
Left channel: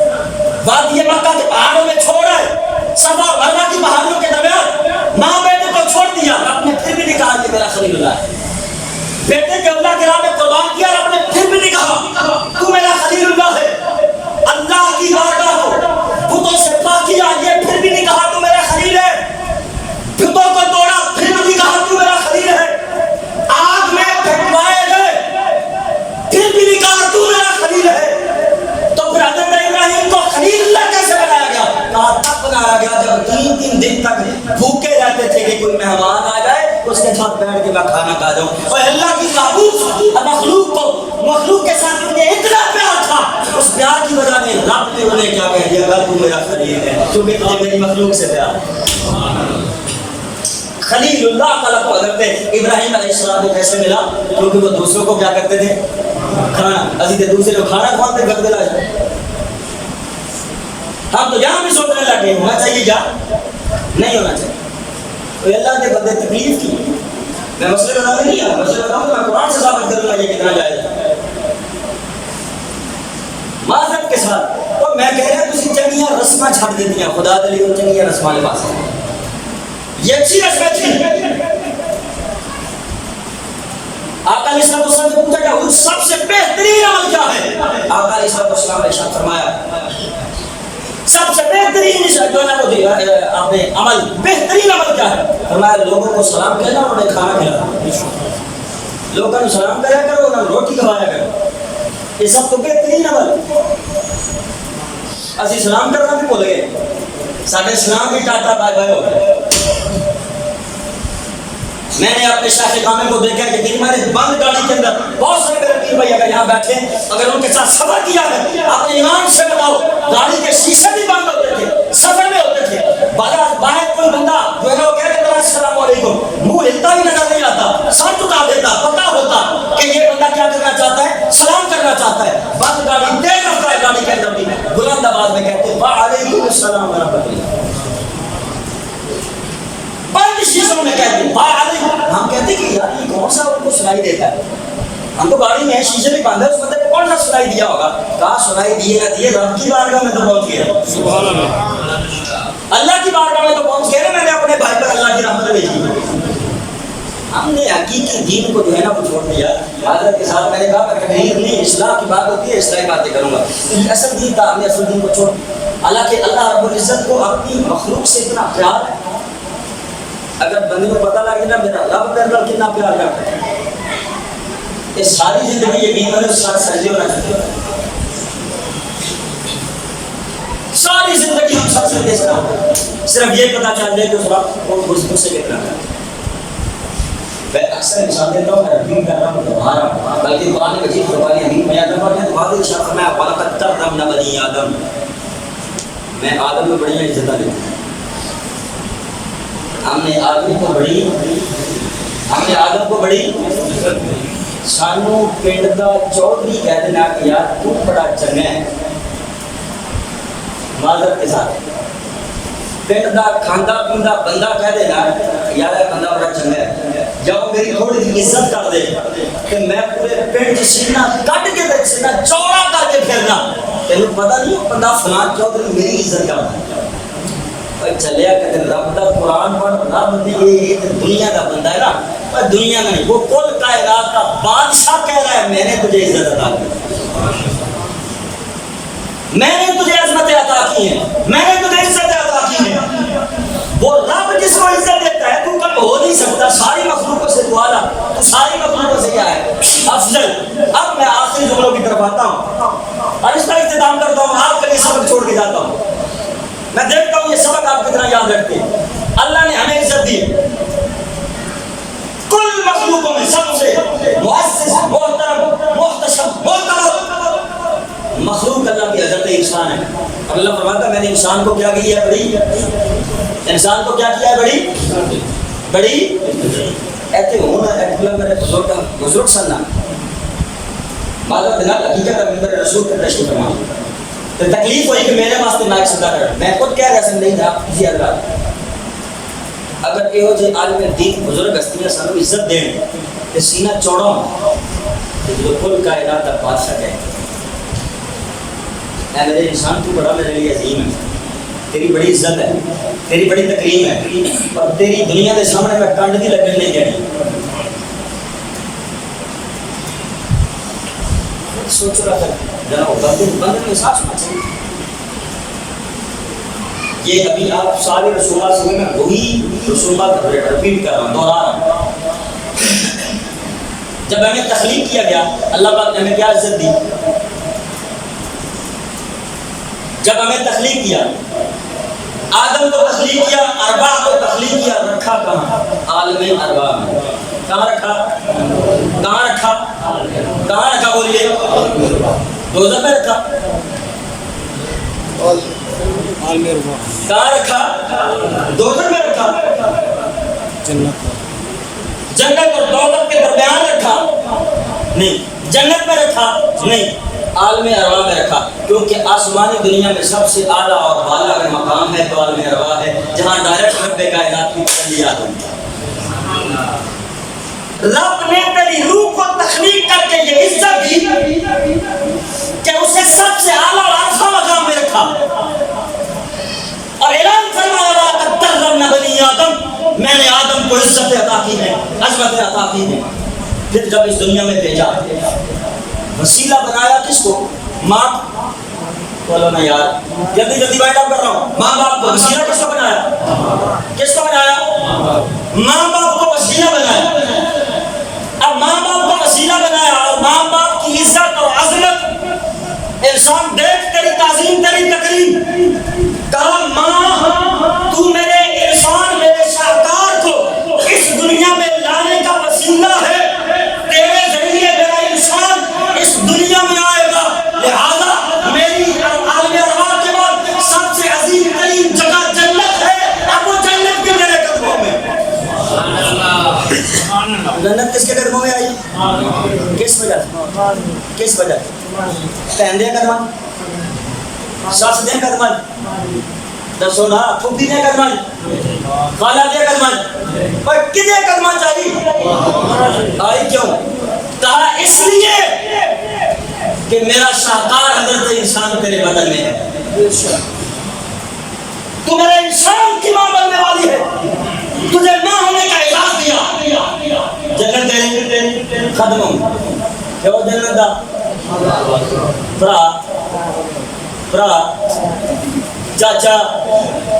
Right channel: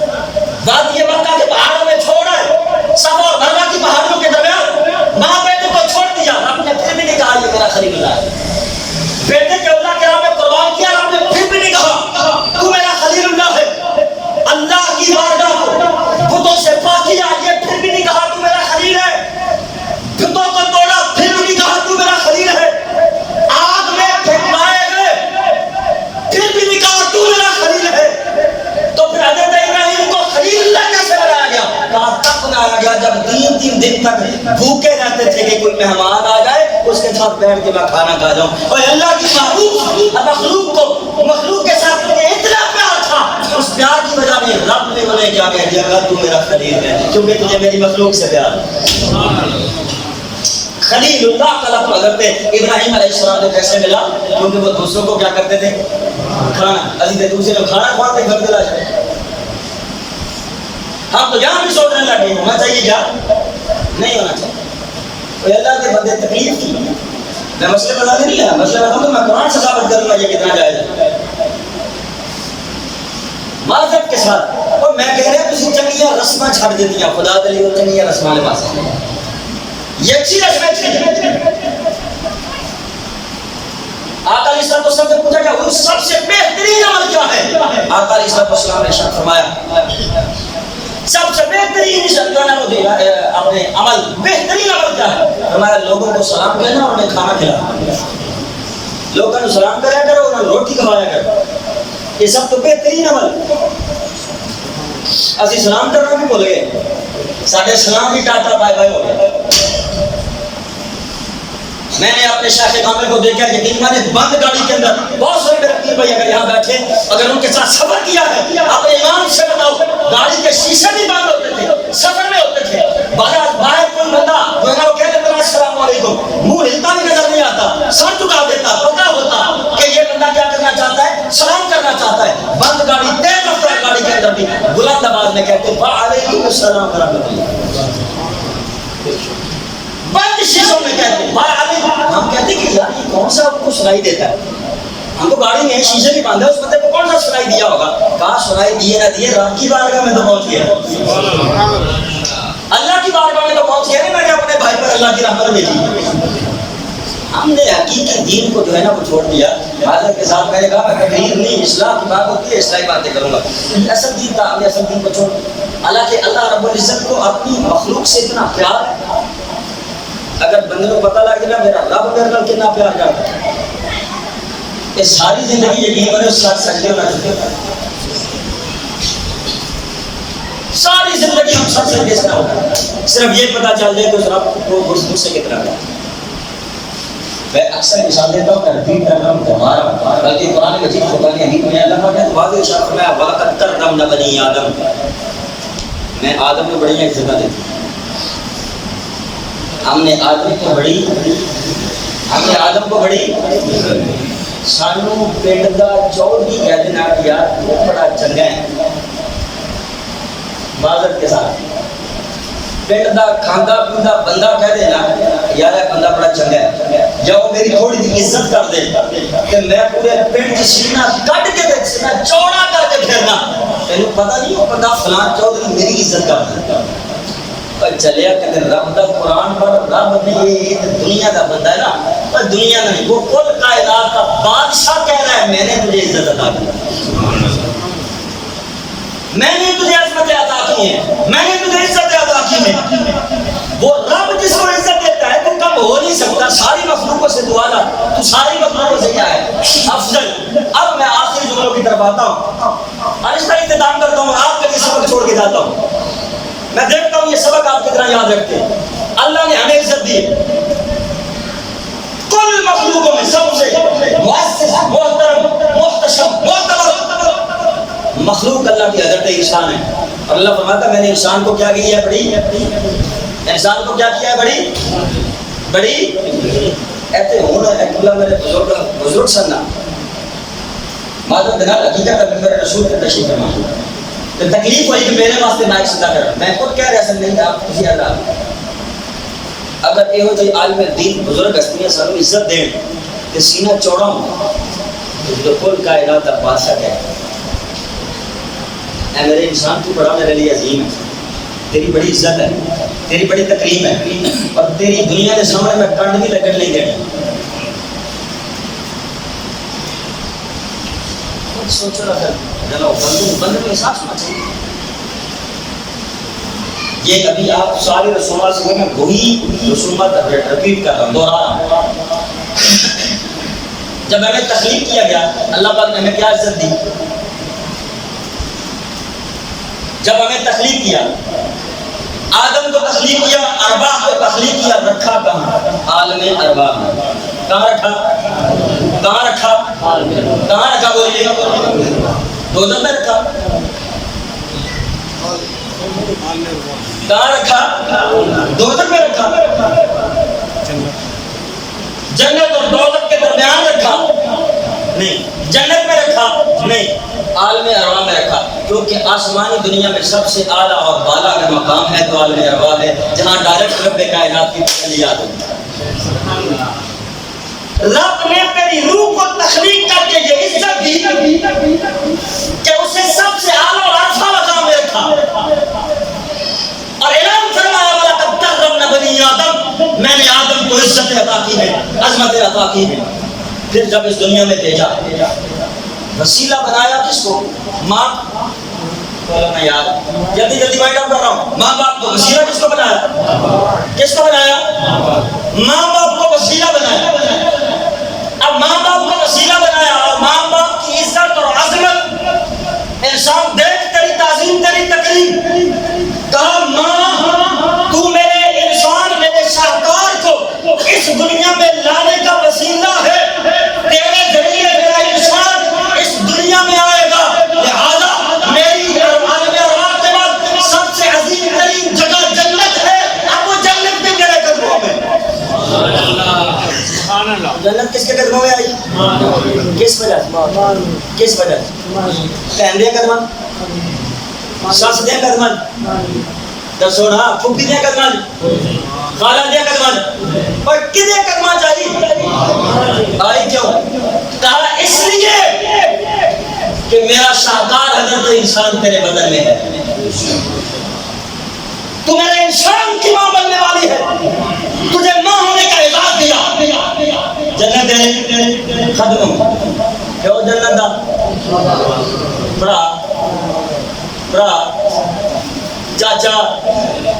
وادی مکہ کے پہاڑوں میں چھوڑا ہے صفا اور مروا کی پہاڑیوں کے درمیان ماں بیٹے کو چھوڑ دیا رب نے پھر بھی نہیں کہا یہ میرا خلیل اللہ ہے بیٹے کے اللہ کے راہ میں قربان کیا رب نے پھر بھی نہیں کہا تو میرا خلیل اللہ ہے اللہ کی بارگاہ کو بتوں سے پاک کیا یہ پھر بھی نہیں کہا تو میرا خلیل ہے بتوں کو توڑا پھر بھی نہیں کہا تو میرا خلیل ہے آگ میں پھینکوائے گئے پھر بھی نہیں کہا تو میرا خلیل ہے تو پھر حضرت ابراہیم کو خلیل اللہ کیسے بنایا گیا کہا تب بنایا گیا جب 3 دن تک بھوکے رہتے تھے کہ کوئی مہمان آ جائے اس کے ساتھ بیٹھ کے میں کھانا کھا جاؤں اور اللہ کی محبوب مخلوق کے ساتھ انہیں اتنا پیار تھا اس پیار کی وجہ میں رب نے انہیں کیا کہہ دیا گا تو میرا خلیل ہے کیونکہ تجھے میری مخلوق سے پیار ہے خلیل اللہ کا لقب حضرت ابراہیم علیہ السلام کو کیسے ملا کیونکہ وہ دوسروں کو کیا کرتے تھے کھانا عزیز دوسرے کو کھانا کھواتے گھر دلا جائے ہم تو یہاں بھی سوچنے لگے ہونا چاہیے کیا نہیں ہونا چاہیے تو اللہ کے بندے تکلیف کی میں مسئلے بتانے نہیں آیا مسئلے بتاؤں تو میں قرآن سے ثابت کروں گا یہ کتنا جائز ہے معذرت کے ساتھ اور میں کہہ رہا تسی چنگیاں رسماں چھڑ دیتیاں خدا دلی وہ چنگیاں رسماں لے پاس یہ اچھی رسمیں تھی آقا علیہ السلام سے پوچھا کیا تو سب سے بہترین عمل کیا ہے؟ آقا علیہ السلام نے ارشاد فرمایا سب سے بہترین جو ہے نا وہ آپ نے عمل بہترین عمل کیا ہے؟ فرمایا لوگوں کو سلام کہنا اور انہیں کھانا کھلانا. لوگوں کو سلام کریا کرو انہیں روٹی کھوایا کرو. یہ سب تو بہترین عمل. اسی سلام کرنا بھی بھول گئے. ساڈے سلام بھی ٹاٹا بائے بائے ہو گئے. میں نے اپنے شیخ کامل کو دیکھا یقین میں نے بند گاڑی کے اندر بہت سارے میرے پیر بھائی اگر یہاں بیٹھے اگر ان کے ساتھ سفر کیا ہے اپنے ایمان سے بتاؤ گاڑی کے شیشے بھی بند ہوتے تھے سفر میں ہوتے تھے. باہر کوئی بندہ جو ہے نا وہ کہتے تھے السلام علیکم منہ ہلتا بھی نظر نہیں آتا سر جھکا دیتا پتہ ہوتا کہ یہ بندہ کیا کرنا چاہتا ہے سلام کرنا چاہتا ہے. بند گاڑی تیز رفتار گاڑی کے اندر بھی بلند آواز میں کہتے وعلیکم السلام ورحمۃ اللہ. بند شیشوں میں کہتے ہیں ہم کہتے ہیں کہ یار یہ کون سا ان کو سنائی دیتا ہے. ہم تو گاڑی میں شیشے بھی باندھے اس بندے کو کون سا سنائی دیا ہوگا. کہاں سنائی دیے نہ دیے رب کی بارگاہ میں تو پہنچ گیا. اللہ کی بارگاہ میں تو پہنچ گیا. میں نے اپنے بھائی پر اللہ کی رحمت بھیجی. ہم نے حقیقی دین کو جو ہے نا وہ چھوڑ دیا. حضرت کے ساتھ میں نے کہا میں تقریر نہیں اصلاح کی بات ہوتی ہے اصلاحی باتیں کروں گا. اصل دین تھا ہم نے اصل دین کو چھوڑ دیا. حالانکہ اللہ رب العزت کو اپنی مخلوق سے اتنا پیار ہے. اگر بندے کو پتہ لگ جائے میرا رب میرے نال کتنا پیار کرتا ہے یہ ساری زندگی یقین کرے اس ساتھ سجدے ہونا چاہیے. ساری زندگی ہم سب سے بیچنا ہوگا صرف یہ پتہ چل جائے کہ اس رب کو مجھ سے کتنا پیار. میں اکثر مثال دیتا ہوں میں ریپیٹ کرتا ہوں دوبارہ بلکہ قرآن مجید قرآن حمید میں آدم اور واضح ارشاد فرمایا وَلَقَدْ كَرَّمْنَا بَنِي آدم. میں آدم کو بڑی عزت دیتا ہوں. ہم نے آدم کو بڑی سانو پنڈ دا چودھری کہہ دینا کہ یار تو بڑا چنگا ہے. معذرت کے ساتھ پنڈ دا کھاندا پیندا بندہ کہہ دینا یار یہ بندہ بڑا چنگا ہے. جب میری تھوڑی سی عزت کر دے کہ میں پورے پنڈ سینہ کٹ کے تے سینہ چوڑا کر کے پھرنا تینوں پتہ نہیں وہ بندہ فلاں چودھری میری عزت کرتا ہے. چلیا کہ رب دا قرآن پڑھ رب نے یہ دنیا کا بندہ ہے نا پر دنیا کا نہیں وہ کل کائنات کا بادشاہ کہہ رہا ہے میں نے تجھے عزت عطا کی میں نے تجھے عظمت عطا کی ہے میں نے تجھے عزت عطا کی ہے. وہ رب جس کو عزت دیتا ہے تو کم ہو نہیں سکتا. ساری مخلوقوں سے دعا لا تو ساری مخلوقوں سے کیا ہے افضل. اب میں آخری جملوں کی طرف آتا ہوں اور اس کا اختتام کرتا ہوں. آپ کے لیے سبق چھوڑ کے جاتا ہوں. میں دیکھتا ہوں یہ سبق آپ کتنا یاد رکھتے ہیں. اللہ نے ہمیں عزت دی کل مخلوقوں میں سب سے مؤسس محترم محتشم معتبر مخلوق اللہ کی حضرت انسان ہے. اور اللہ فرماتا ہے میں نے انسان کو کیا کیا ہے بڑی انسان کو کیا کیا ہے بڑی ایتے ہونا ایک میرے بزرگ سننا معلوم دینا حقیقت ہے میرے رسول کے تشریف فرما تو تکلیف ہوئی کہ میرے واسطے نائک صدا کر میں خود کہہ رہا سن نہیں آپ کسی اللہ اگر یہ جی عالم دین بزرگ ہستیاں سانو عزت دین تو سینہ چوڑا ہوتا جو کل کائنات کا بادشاہ کہے اے میرے انسان تو بڑا میرے لیے عظیم ہے تیری بڑی عزت ہے تیری بڑی تکریم ہے اور تیری دنیا کے سامنے میں کنڈ بھی لگن نہیں دینی. خود سوچو رکھا جناب بندے میں احساس ہونا چاہیے. یہ ابھی آپ ساری رسومات سے میں وہی رسومات ریپیٹ کر رہا ہوں دوہرا رہا ہوں. جب ہمیں تخلیق کیا گیا اللہ پاک نے ہمیں کیا عزت دی. جب ہمیں تخلیق کیا آدم کو تخلیق کیا ارواح کو تخلیق کیا رکھا کہاں عالم ارواح میں. کہاں رکھا بولیے دوزخ میں رکھا. کہاں رکھا دوزخ میں رکھا. جنت اور دوزخ کے درمیان رکھا نہیں. جنت میں رکھا نہیں. عالم ارواح میں رکھا کیونکہ آسمانی دنیا میں سب سے اعلیٰ اور بالا اگر مقام ہے تو عالم ارواح ہے جہاں ڈائریکٹ رب کائنات کی تجلیات ہوتی ہے. رب نے تیری روح کو تخلیق کر کے یہ عزت دی کہ اسے سب سے اعلیٰ اور عرفہ مقام میں رکھا اور اعلان فرمایا وَلَقَدْ كَرَّمْنَا بَنِي آدَمَ میں نے آدم کو عزت عطا کی ہے عظمت عطا کی ہے. پھر جب اس دنیا میں بھیجا وسیلہ بنایا کس کو؟ ماں. بولو نا یار, جلدی جلدی وائنڈ اپ کر رہا ہوں. ماں باپ کو وسیلہ کس کو بنایا؟ کس کو بنایا؟ ماں باپ کو وسیلہ بنایا. اب ماں باپ کو وسیلہ بنایا اور ماں باپ کی عزت اور عظمت انسان دیکھ تیری تعظیم تیری تکریم. کہا ماں تو میرے انسان میرے شاہکار کو اس دنیا میں لانے کا وسیلہ ہے, تیرے ذریعے میرا انسان اس دنیا میں آئے گا, لہذا میری عالم ارواح کے بعد سب سے عظیم ترین جگہ جنت ہے. اب وہ جنت بھی میرے قدموں میں. جنت کس کے قدموں میں آئی؟ کس وجہ سے؟ کس وجہ سے؟ بہن دے قدمہ, ساس دے قدمہ, دسو نا پھوپھی دے قدمہ, خالہ دے قدمہ, اور کدے قدمہ چاہیے آئی. کیوں؟ کہا اس لیے کہ میرا شاہکار حضرت انسان تیرے بدن میں ہے. تو میرے انسان کی ماں بننے والی ہے, تجھے ماں ہونے کا اعزاز دیا. جنت دے قدموں میں. کیوں جنت دا؟ برا چاچا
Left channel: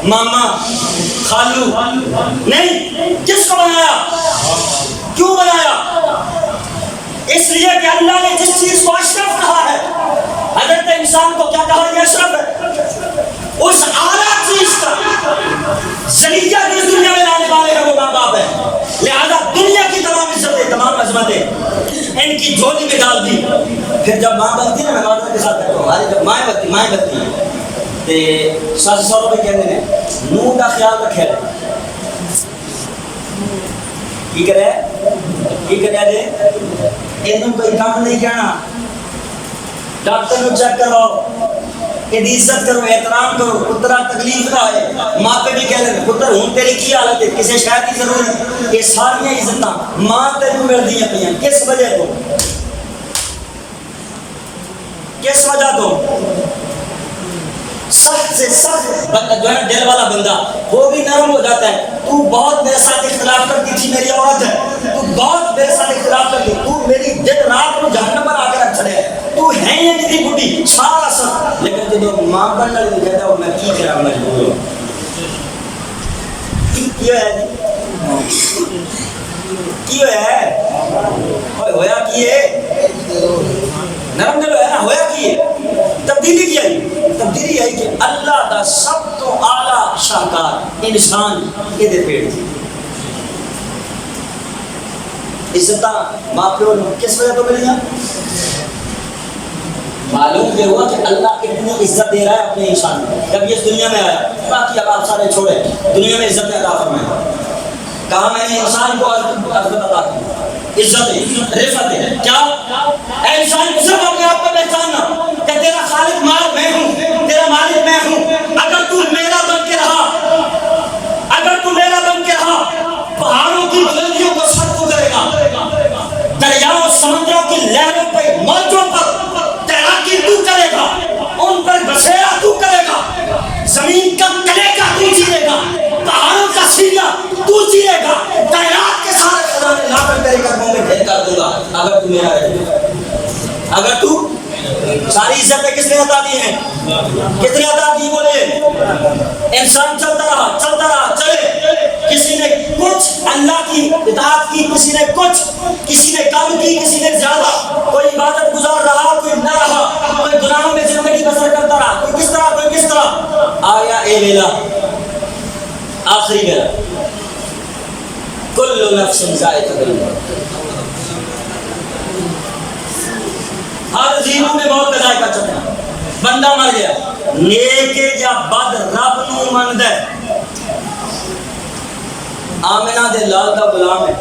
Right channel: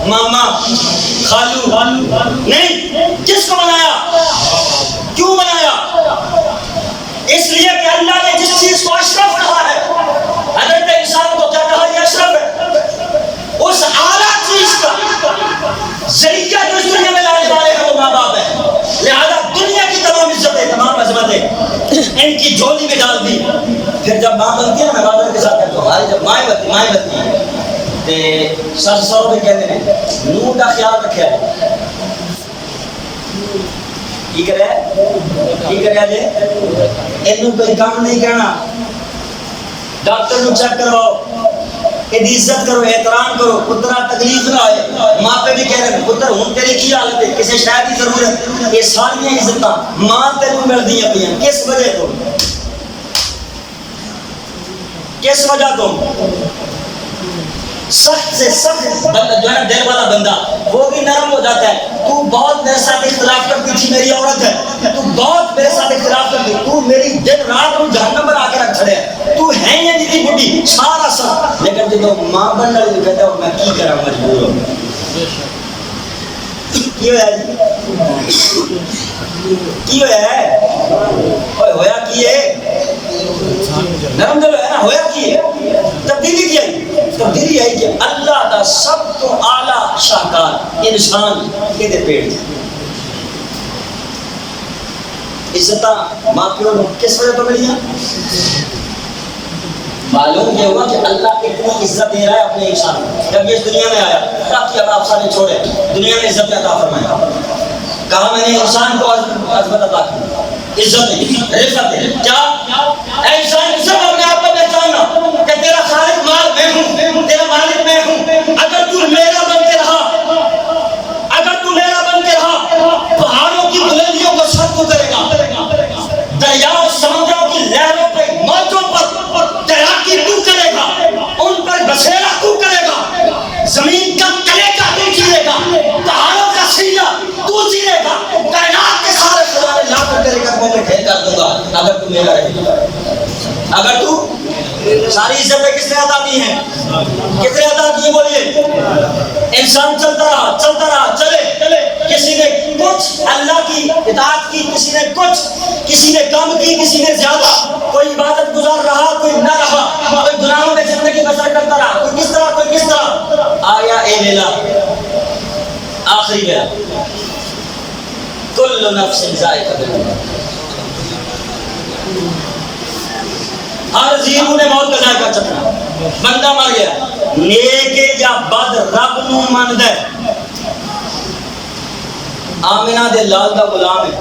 ماما خالو نہیں. کس کو بنایا؟ کیوں بنایا؟ اس لیے کہ اللہ نے جس چیز کو اشرف کہا ہے, حضرت انسان کو کیا کہا؟ یہ اشرف ہے. اس اعلیٰ چیز کا ذریعہ جو اس دنیا میں لانے والے ہیں وہ ماں باپ ہے. لہذا دنیا کی تمام عزتیں تمام عظمتیں ان کی جھولی میں ڈال دی. پھر جب ماں بنتی ہے نا, میں بادل کے ساتھ کہتا ہوں, ہماری جب مائیں بنتی ہیں تو ساس سوروں پہ کہتے ہیں نو کا خیال رکھے کی کرے جی اینوں کوئی کام نہیں کرنا, ڈاکٹر نو چیک کرواؤ, یہ عزت کرو, احترام کرو, پترا تکلیف نہ آئے. ماں پہ بھی کہہ رہے ہیں پتر ہوں تیری کی حالت ہے, کسی شاید کی ضرورت ہے. یہ ساری عزتاں ماں تینوں مل دی پہ, کس وجہ تو؟ کس وجہ تو؟ سخت سے سخت بندہ جو ہے نا, دل والا بندہ, وہ بھی نرم ہو جاتا ہے. تو بہت میرے ساتھ اختلاف کرتی تھی, میری عورت ہے, تو بہت میرے ساتھ اختلاف کرتی, تو میری دن رات کو جہنم بنا کے رکھ چھڑے, تو ہے یہ جی بڈی سارا سخت. لیکن جب ماں بننے والی کہتا ہے میں کی کرا, مجبور ہوں. کی ہوا جی, کی ہوا ہے, ہویا کی ہے, نرم دل ہے نا, ہویا کی ہے, تبدیلی کی آئی. تبدیلی آئی کہ اللہ دا سب تو اعلیٰ شاہکار انسان یہ دے پیڑ تھی. عزتاں ماں پیو نے کس وجہ تو ملی ہیں؟ معلوم یہ ہوا کہ اللہ اتنی عزت دے رہا ہے اپنے انسان کو. جب یہ اس دنیا میں آیا تاکہ اب آپ سارے چھوڑے, دنیا میں عزت عطا فرمایا. کہا میں نے انسان کو عظمت عطا کی, عزت ہے, رفت ہے. کیا اے انسان صرف اپنے آپ کو پہچاننا کہ تیرا خالق میں ہوں, تیرا مالک میں ہوں. اگر تو میرا بن کے رہا, اگر تو میرا بن کے رہا, پہاڑوں کی بلندیوں کو سر تو کرے گا, دریاؤں سمندروں کی لہروں پر موجوں پر تیراکی تو کرے گا, ان پر بسیرا تو کرے گا, زمین کا کلیجہ تو چیرے گا, پہاڑوں کا سینہ تو چیرے گا, کائنات کے سارے خزانے لا کر تیرے قدموں میں ڈھیر کر دوں گا اگر تو میرا رہے گا. اگر تو ساری عزتیں کس نے عطا دی ہیں؟ کس نے عطا کی؟ بولیے. انسان چلتا رہا چلے, کسی نے کچھ اللہ کی اطاعت کی, کسی نے کچھ, کسی نے کم کی, کسی نے زیادہ, کوئی عبادت گزار رہا کوئی نہ رہا, کوئی گناہوں میں زندگی بسر کرتا رہا, کوئی کس طرح کوئی کس طرح. آیا اے لیلا آخری میرا, کل نفس ذائقۃ الموت, ہر زیرو نے موت کا ذائقہ چکھنا. بندہ مر گیا, نیک یا بد رب نو مند ہے. آمنہ دے لال دا غلام ہے,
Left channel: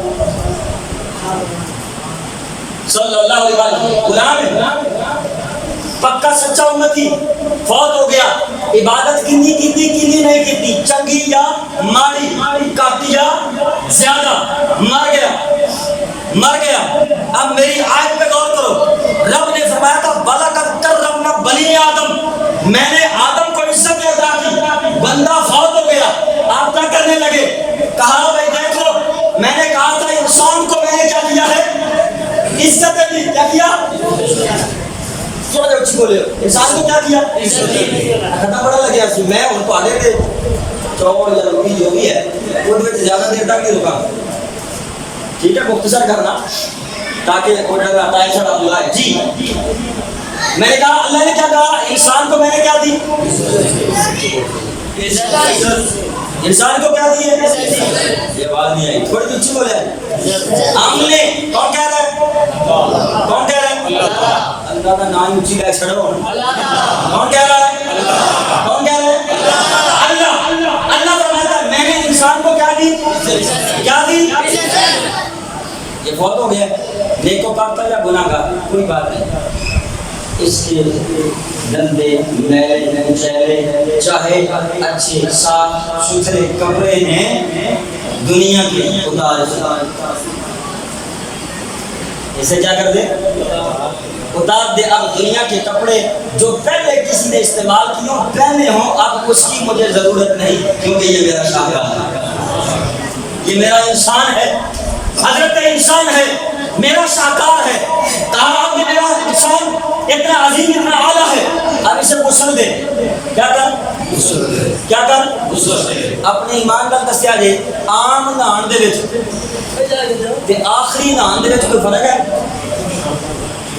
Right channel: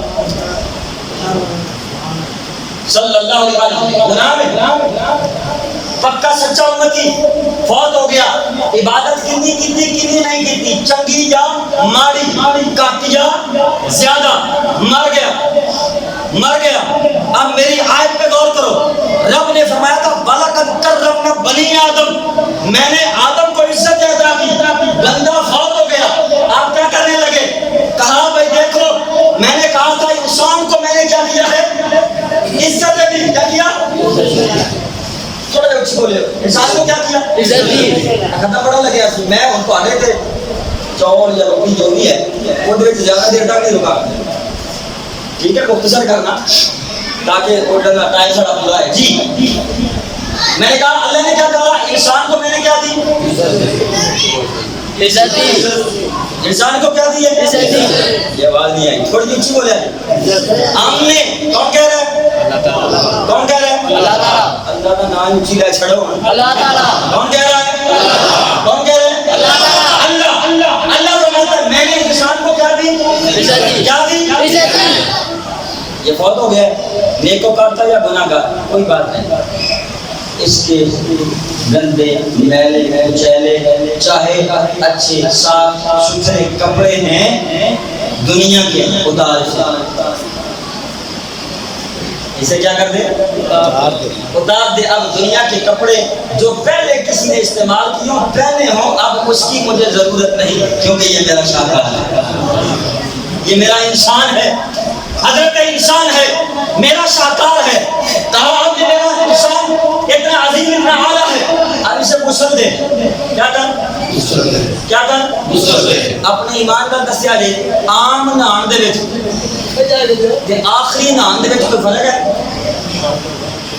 صلی اللہ علیہ وسلم غلام ہے, پکا سچا امتی, فوت ہو گیا. عبادت کنی نہیں کیتی, چنگی یا ماڑی, کٹ یا زیادہ, مر گیا. اب میری آیت پہ غور کرو. رب نے فرمایا تھا وَلَقَدْ كَرَّمْنَا بَنِي آدم, میں نے آدم کو عزت عطا کی. بندہ فوت ہو گیا, آپ کیا کرنے لگے؟ کہا بھائی دیکھو, میں نے کہا تھا انسان کو میں نے کیا کیا ہے, اچھی بولے ہو انسان کو کیا کیا ختم بڑا لگیا سی میں ان کو آنے تھے چاول یا روٹی جو بھی ہے وہ زیادہ دیر تک نہیں رکا ٹھیک ہے مختصر کرنا تاکہ وہ ٹائم سڑا پورا ہے جی میں نے کہا اللہ نے کیا کہا انسان کو میں نے کیا دی انسان کو کیا دی ہے یہ آواز نہیں آئی تھوڑی اونچی بولے ہم نے کون کہہ رہا ہے کون کہہ رہا ہے اللہ کا نام اونچی لے چھڑو کون کہہ رہا ہے کون کہہ رہا ہے اللہ اللہ فرماتا ہے میں نے انسان کو کیا دی کیا دی یہ فوت ہو گیا نیکوکار تھا یا گناہ گار کوئی بات نہیں اس کے گندے میلے کچیلے چاہے اچھے صاف ستھرے کپڑے ہیں دنیا کے اتار سے اسے کیا کر دے اتار دے اب دنیا کے کپڑے جو پہلے کسی نے استعمال کیوں پہنے ہوں اب اس کی مجھے ضرورت نہیں کیونکہ یہ میرا شاہکار ہے یہ میرا انسان ہے حضرت انسان ہے میرا شاہکار ہے کہا آپ نے میرا انسان اتنا عظیم اتنا اعلیٰ ہے اب اسے غسل دے کیا کر اپنے ایمان کا دسیا جے عام نہان دے وچ تے آخری نہان دے وچ کوئی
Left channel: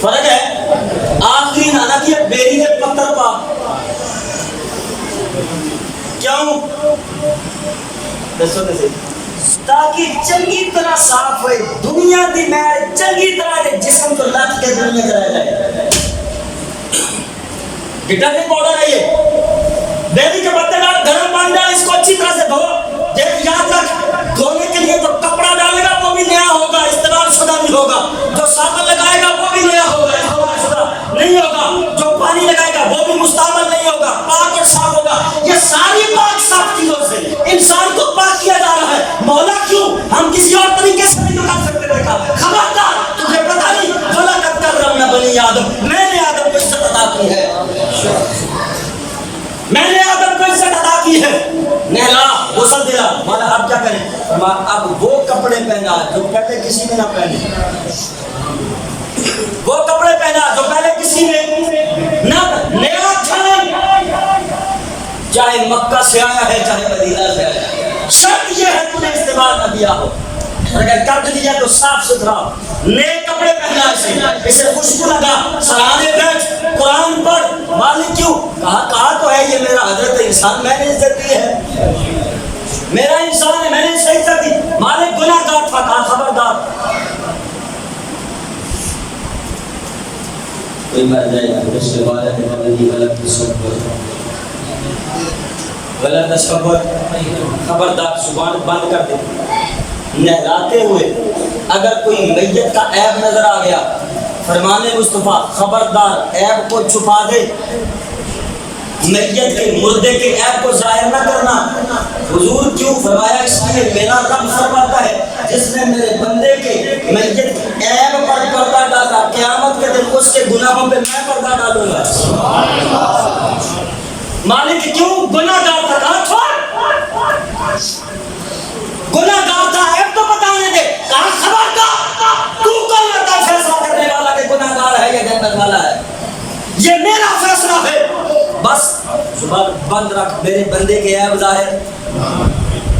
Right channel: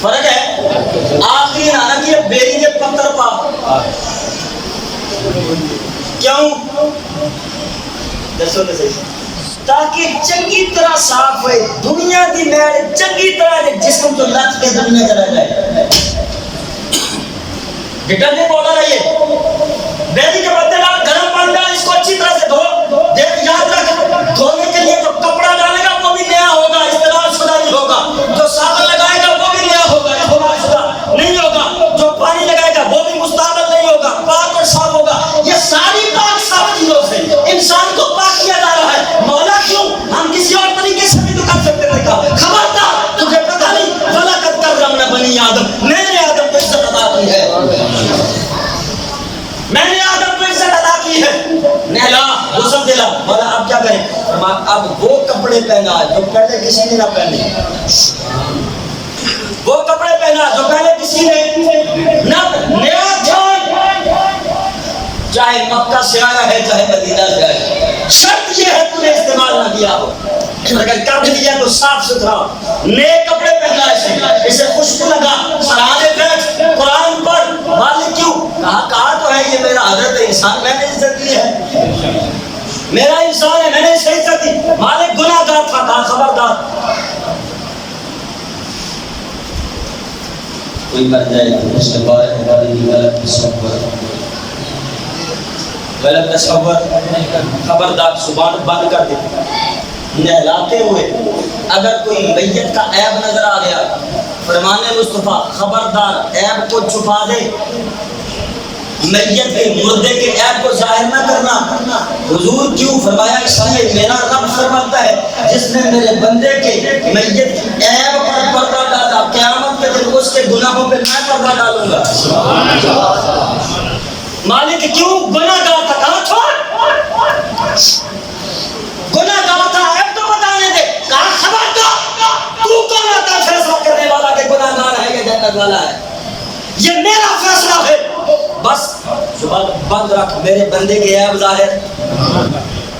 فرق ہے آخری نہانا کی بیری دے پتھر پا کیوں دسو تاکہ چنگی طرح صاف ہوئے دنیا دی میل چنگی طرح دے جسم تو لت کے دنیا چلا جائے ڈٹرجنٹ پاؤڈر ہے یہ بیری کے پتے ڈال گرم پانی ڈال اس کو اچھی طرح سے دھو دیکھ یاد رکھ دھونے کے لیے جو کپڑا ڈالے گا وہ بھی نیا ہوگا استعمال شدہ نہیں ہوگا جو صابن لگائے گا وہ بھی نیا ہوگا استعمال شدہ نہیں ہوگا جو پانی لگائے گا وہ بھی مستعمل نہیں ہوگا پاک اور صاف ہوگا یہ ساری پاک صاف چیزوں سے انسان کو پاک کیا جا رہا ہے مولا کیوں ہم کسی اور طریقے سے بھی تو کر سکتے تھے خبردار تجھے پتہ نہیں وَلَقَدْ كَرَّمْنَا بَنِي آدم میں نے آدم کو عزت عطا کی ہے میں نے آدم کو عزت عطا کی ہے نہلا غسل دلا مولا اب کیا کریں فرمایا اب وہ کپڑے پہنا جو پہلے کسی نے نہ پہنے وہ کپڑے پہنا جو پہلے کسی نے نہ نیا چھان چاہے مکہ سے آیا ہے چاہے مدینہ سے آیا ہے شرط یہ ہے تو نے استعمال نہ کیا ہو اگر کر دیا تو صاف ستھرا نئے کپڑے پہنا اسے خوشبو لگا سرانے بیٹھ قرآن پر مالک کیوں کہا تو ہے یہ میرا حضرت انسان میں نے عزت دی ہے میرا انسان ہے میں نے اسے عزت دی مالک گناہ گار تھا کہا خبردار کوئی مر جائے اس کے بارے میں غلط تصور خبردار زبان بند کر دے نہلاتے ہوئے اگر کوئی میت کا عیب نظر آ گیا فرمان مصطفیٰ خبردار عیب کو چھپا دے میت کے مردے کے عیب کو ظاہر نہ کرنا حضور کیوں فرمایا اس لیے میرا رب فرماتا ہے جس نے میرے بندے کے میت کے عیب پر پردہ ڈالا قیامت کے دن اس کے گناہوں پہ میں پردہ ڈالوں گا مالک کیوں گناہ گار تھا کہاں چھوڑ گناہ گار تھا عیب تو بتانے دے کہاں خبر کا تو کون آتا فیصلہ کرنے والا کہ گناہ گار ہے یا جنت والا ہے یہ میرا فیصلہ ہے بس زبان بند رکھ میرے بندے کے عیب ظاہر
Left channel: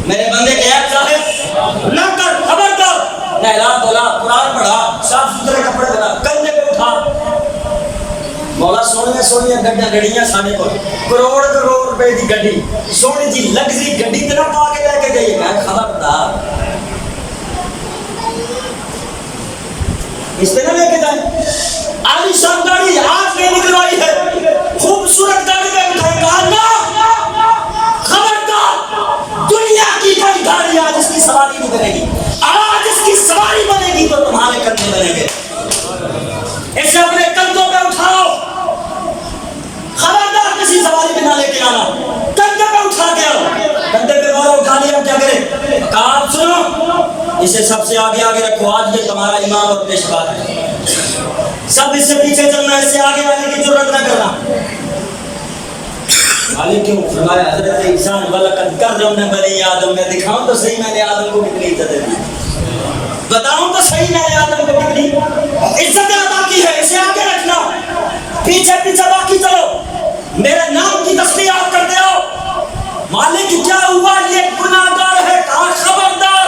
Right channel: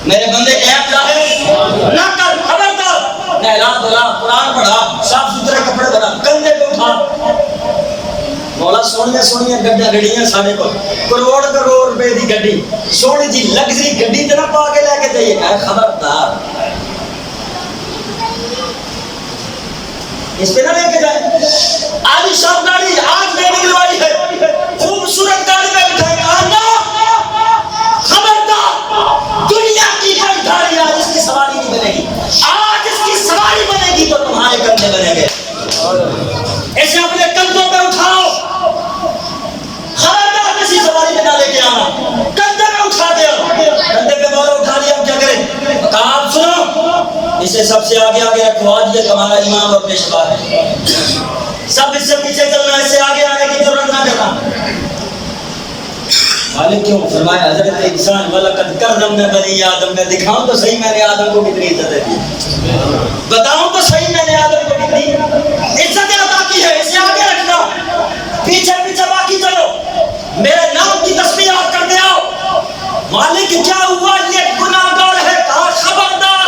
میرے بندے کے عیب ظاہر نہ کر خبردار نہلا دھلا قرآن پڑھا صاف ستھرے کپڑے پہنا کندھے پہ اٹھا مولا سونیاں سونیاں گڈیاں ساڈے کو کروڑ روپے دی گڈی سونی جی لگژری گڈی تے نہ پا کے لے کے جائیے کہ خبردار اس پہ نہ لے کے جائیں عالی شان گاڑی آج میں نکلوائی ہے خوبصورت گاڑی میں بٹھائی کہا نا خبردار دنیا کی کوئی گاڑی آج اس کی سواری نہیں بنے گی آج اس کی سواری بنے گی تو تمہارے کندھے بنے گے اسے اپنے کندھوں پہ اٹھاؤ خبردار کسی سواری میں نہ لے کے آنا کندھے پہ اٹھا کے آؤ کندھے پہ مولا اٹھا لیا ہم کیا کریں کہا آپ سنو اسے سب سے آگے رکھو آج یہ تمہارا امام اور پیشوا ہے سب اس سے پیچھے چلنا اس سے آگے آنے کی ضرورت نہ کرنا مالک کیوں فرمایا حضرت انسان وَلَقَدْ كَرَّمْنَا بَنِي آدم میں دکھاؤں تو صحیح میں نے آدم کو کتنی عزت دی بتاؤں تو صحیح میں نے آدم کو کتنی عزت عطا کی ہے اسے آگے رکھنا پیچھے مالک کیا ہوا، یہ گناہگار ہے، کہا خبردار،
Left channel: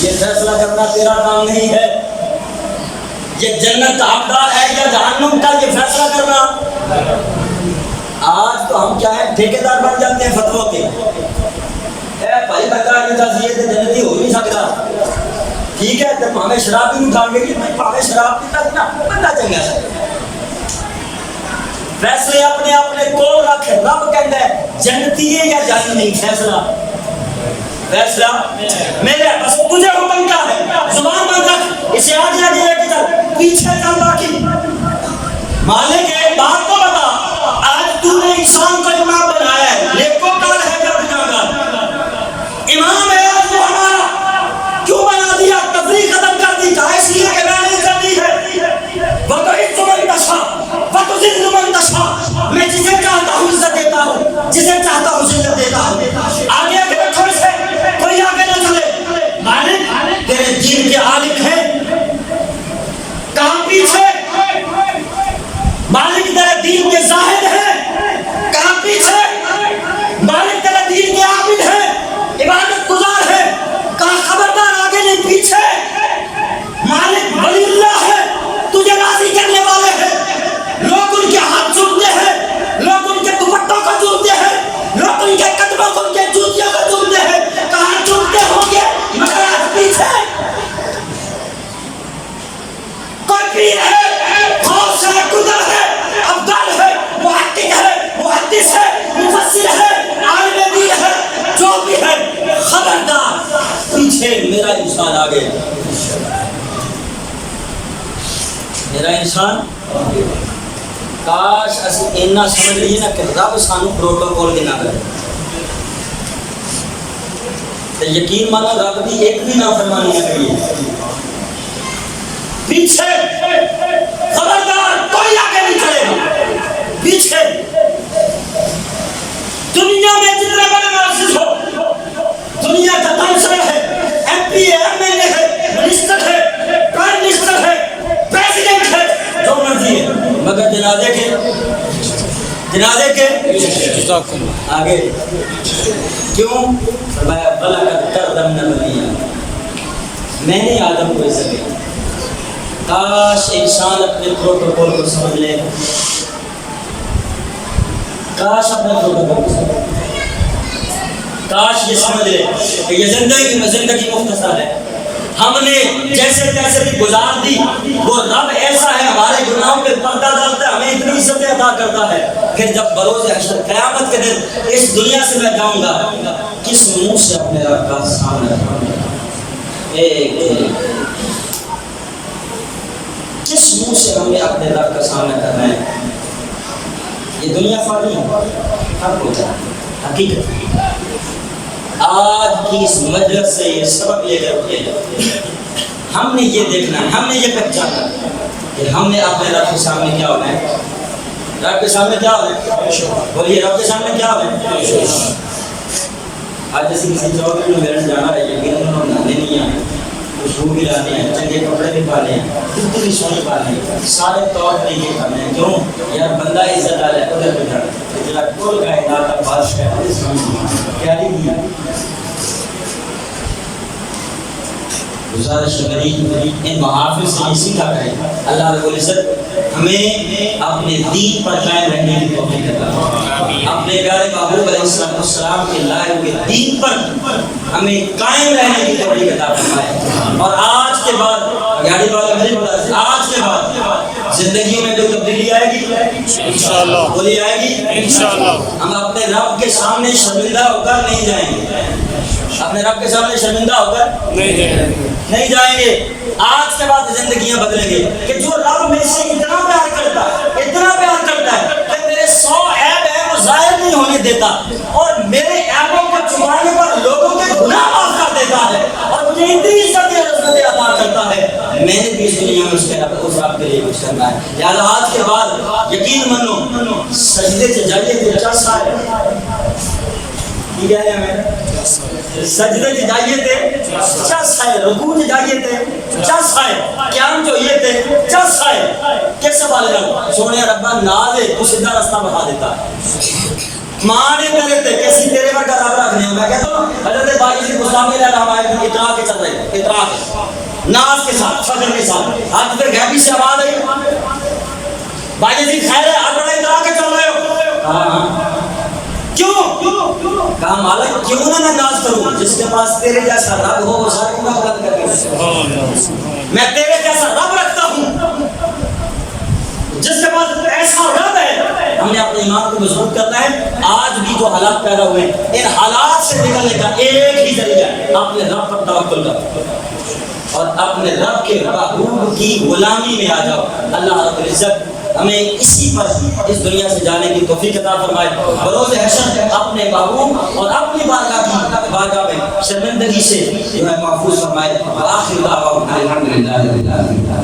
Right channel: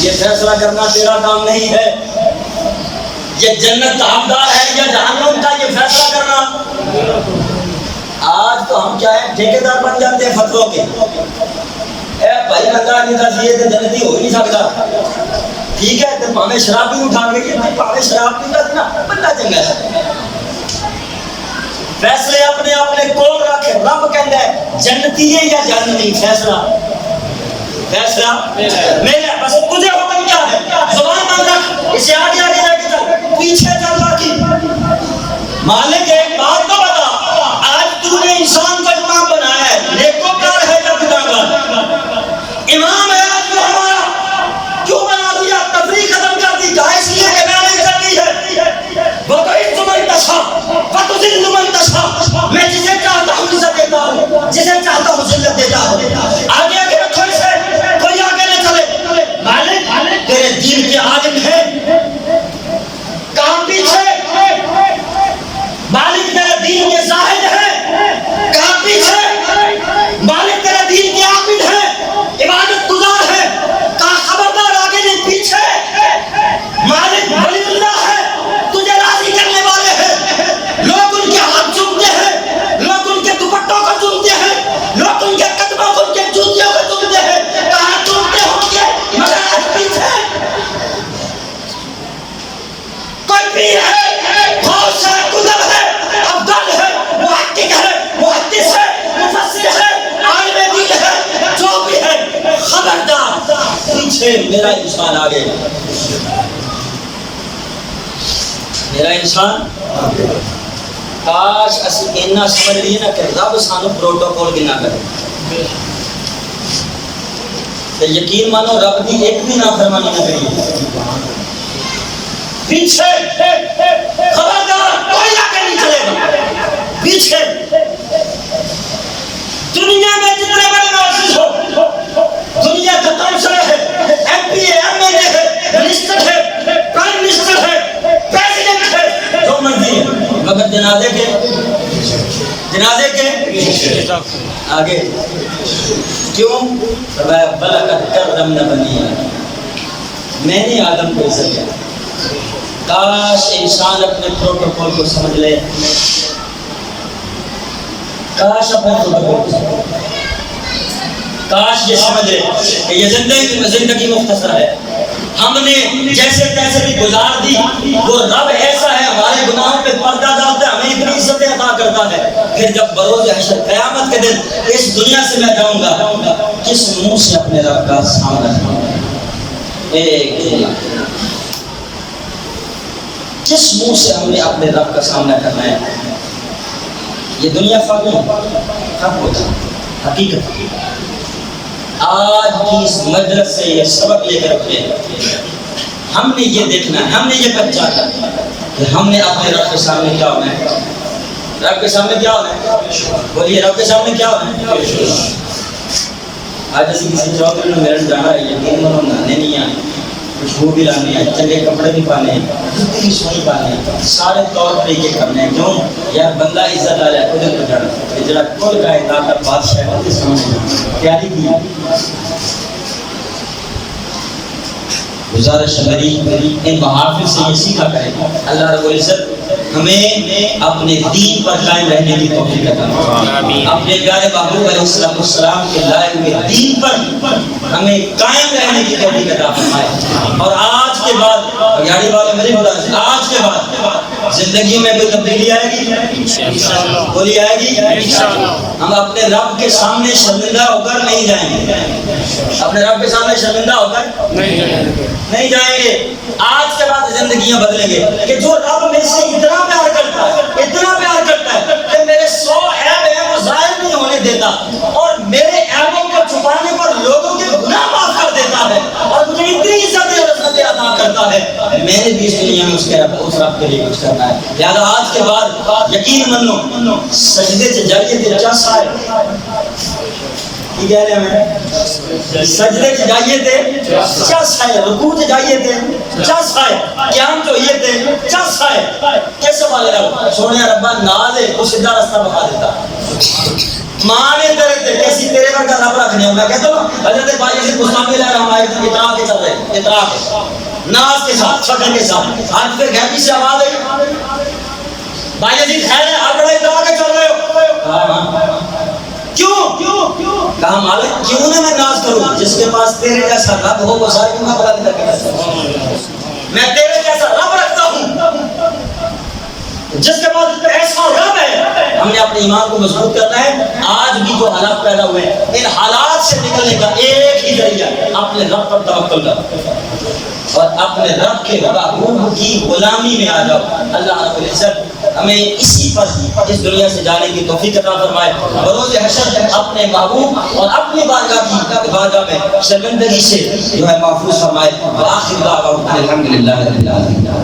یہ فیصلہ کرنا تیرا کام نہیں ہے، یہ جنت کا حقدار ہے یا جہنم کا یہ فیصلہ کرنا۔ آج تو ہم کیا ہے، ٹھیکیدار بن جاتے ہیں فتووں کے، اے بھائی بندہ نہیں تھا یہ تو جنتی ہو نہیں سکتا، ٹھیک ہے تو پاویں شراب بھی اٹھا کے میں پاویں شراب پیتا تھی نا بندہ چنگا ہے۔ فیصلے اپنے اپنے کول رکھ، رب کہندا ہے جنتی ہے یا جہنمی، فیصلہ میرے، بس تجھے حکم کیا ہے، زبان بند رکھ، اسے آگے آگے لے کے چل، پیچھے چل باقی۔ مالک ایک بات تو بتا، آج تو نے انسان کو امام بنایا ہے، نیکوکار ہے یا گناہگار؟ امام ہے آج وہ ہمارا، کیوں بنا دیا؟ تفریق ختم کر دی، کہا اس لیے کہ میں نے عزت دی ہے، وہ تو عز من تشاء وہ تو ذل من تشاء، میں جسے چاہتا ہوں عزت دیتا ہوں، جسے چاہتا ہوں ذلت دیتا ہوں۔ آگے آگے رکھو اسے، کوئی آگے نہ چلے۔ مالک تیرے دین کے عالم ہیں، کہاں پیچھے؟ مالک تیرے دین کے زاہد ہیں، کہاں پیچھے؟ مالک تیرے دین کے عابد ہیں، عبادت گزار ہیں، کہاں خبردار آگے نہیں پیچھے؟ مالک ولی اللہ ہے، تجھے راضی کرنے والے ہیں، لوگ ان کے ہاتھ چومتے ہیں، لوگ ان کے دوپٹوں کو چومتے ہیں، لوگ ان کے قدموں کو، ان کے جوتیوں کو چومتے ہیں، کہاں چومتے ہوں گے مگر آج پیچھے کوئی پیر ہے، غوث ہے، قطب ہے، افضل ہے، محقق ہے، محدث ہے، مفسر ہے، عالم دین ہے، جو بھی ہے، خبردار پیچھے، میرا انسان آگے، میرا انسان۔ کاش اسی اینا سمجھ لیے نا کہ رب سانو پروٹوکول کنا کرے، تو یقین مانو رب دی ایک بھی نافرمانی نہ کریے۔ پیچھے خبردار، کوئی آگے نہیں چلے گا، پیچھے۔ دنیا میں جتنے بڑے مؤسس ہو، دنیا کا کونسلر ہے، ایم پی ہے، ایم ایل اے ہے، منسٹر ہے، پرائم منسٹر ہے، پریزیڈنٹ ہے، جو مرضی ہے، مگر جنازے کے آگے کیوں؟ فرمایا بلغت کرمنا بنی آدم، میں نے آدم کو عزت دیا۔ کاش انسان اپنے پروٹوکول کو سمجھ لے، کاش اپنے پروٹوکول کو سمجھ لے، کاش یہ سمجھ لے کہ یہ زندگی مختصر ہے، ہم نے جیسے تیسے بھی گزار دی، وہ رب ایسا ہے ہمارے گناہوں پہ پردہ ڈالتا ہے، ہمیں اتنی عزتیں عطا کرتا ہے، پھر جب بروز حشر قیامت کے دن اس دنیا سے میں جاؤں گا، کس منہ سے اپنے رب کا سامنا کروں گا؟ کس منہ سے ہمیں اپنے رب کا سامنا کرنا ہے؟ یہ دنیا فانی ہے، ختم ہو جائے، حقیقت۔ آج کی اس مجلس سے یہ سبق لے کر اٹھے، ہم نے یہ دیکھنا ہے، ہم نے یہ پہچانا کہ ہم نے اپنے رب کے سامنے کیا ہونا ہے، رب کے سامنے کیا ہونا ہے، بولیے رب کے سامنے کیا ہونا ہے۔ آج جیسے کسی چوکری میں میرن جانا ہے، یقین کرو نانے نہیں آنے، خوشبو بھی لانے ہیں، چنگے کپڑے بھی پانے ہیں، کتنی سونی پانے ہیں، سارے طور طریقے کرنے ہیں، کیوں؟ یار بندہ عزت ڈالا ہے، ادھر کو جانا، اجلا کل کائنات کا بادشاہ ہے، مجھے سمجھ نہیں تیاری کی گزارش میری ان محافظ سے یہ سیکھا کرے، اللہ رب العزت ہمیں اپنے دین پر قائم رہنے کی توفیق عطا فرمائے، اپنے پیارے محبوب علیہ السلام کے لائے ہوئے دین پر ہمیں قائم رہنے کی توفیق عطا فرمائے۔ اور آج کے بعد یاری والے میری بلا آج کے بعد زندگیوں میں کوئی تبدیلی آئے گی انشاءاللہ، بولی آئے گی انشاءاللہ۔ ہم اپنے رب کے سامنے شرمندہ ہو کر نہیں جائیں گے، اپنے رب کے سامنے شرمندہ ہو کر نہیں جائیں گے۔ آج کے بعد زندگیاں بدلیں گے کہ جو رب مجھ سے اتنا پیار کرتا ہے، اتنا پیار کرتا ہے کہ میرے 100 عیب ہیں وہ ظاہر نہیں ہونے دیتا، اور میرے عیبوں کو چھپانے پر لوگوں کے گناہ معاف کر دیتا ہے، اور مجھے اتنی عزت اور عظمت عطا کرتا ہے، میں نے بھی اس دنیا میں اس رب کے لیے کچھ کرنا ہے۔ لہذا آج کے بعد یقین منو، سجدے سے جائیے تے چس آئے، کی کہہ رہے ہیں، سجدے سے جائیے تے چس آئے، رکوع سے جائیے تے چس آئے، قیام جو یہ تے چس آئے۔ کیسے والے رب سونے ربا نازے تو سیدھا راستہ بتا دیتا، ماں نے کیسی تیرے پر کا رب رکھنے ہوں. میں کہتا ہوں حضرت بایزید بستامی علیہ السلام ہمارے اطراع کے چل رہے اطراع کے ناز کے ساتھ فخر کے ساتھ ہاتھ پہ غیبی سے آواز آئی بایزید خیر ہے آپ بڑا اطراع کے چل رہے ہو. ہاں کیوں کہا مالک کیوں نہ میں ناز کروں جس کے پاس تیرے جیسا رب ہو وہ سر کیوں نہ بلند کر کے رکھتا. میں تیرے جیسا رب رکھتا ہوں جس کے پاس ایسا رب ہے. ہم نے اپنے ایمان کو مضبوط کرنا ہے. آج بھی جو حالات پیدا ہوئے ہیں ان حالات سے نکلنے کا ایک ہی ذریعہ ہے اپنے رب پر توکل کرو اور اپنے رب کے محبوب کی غلامی میں آ جاؤ. اللہ رب العزت ہمیں اسی پر اس دنیا سے جانے کی توفیق عطا فرمائے. بروز حشر اپنے محبوب اور اپنی بارگاہ میں شرمندگی سے جو ہے محفوظ فرمائے. وآخر دعوانا الحمدللہ رب العالمین.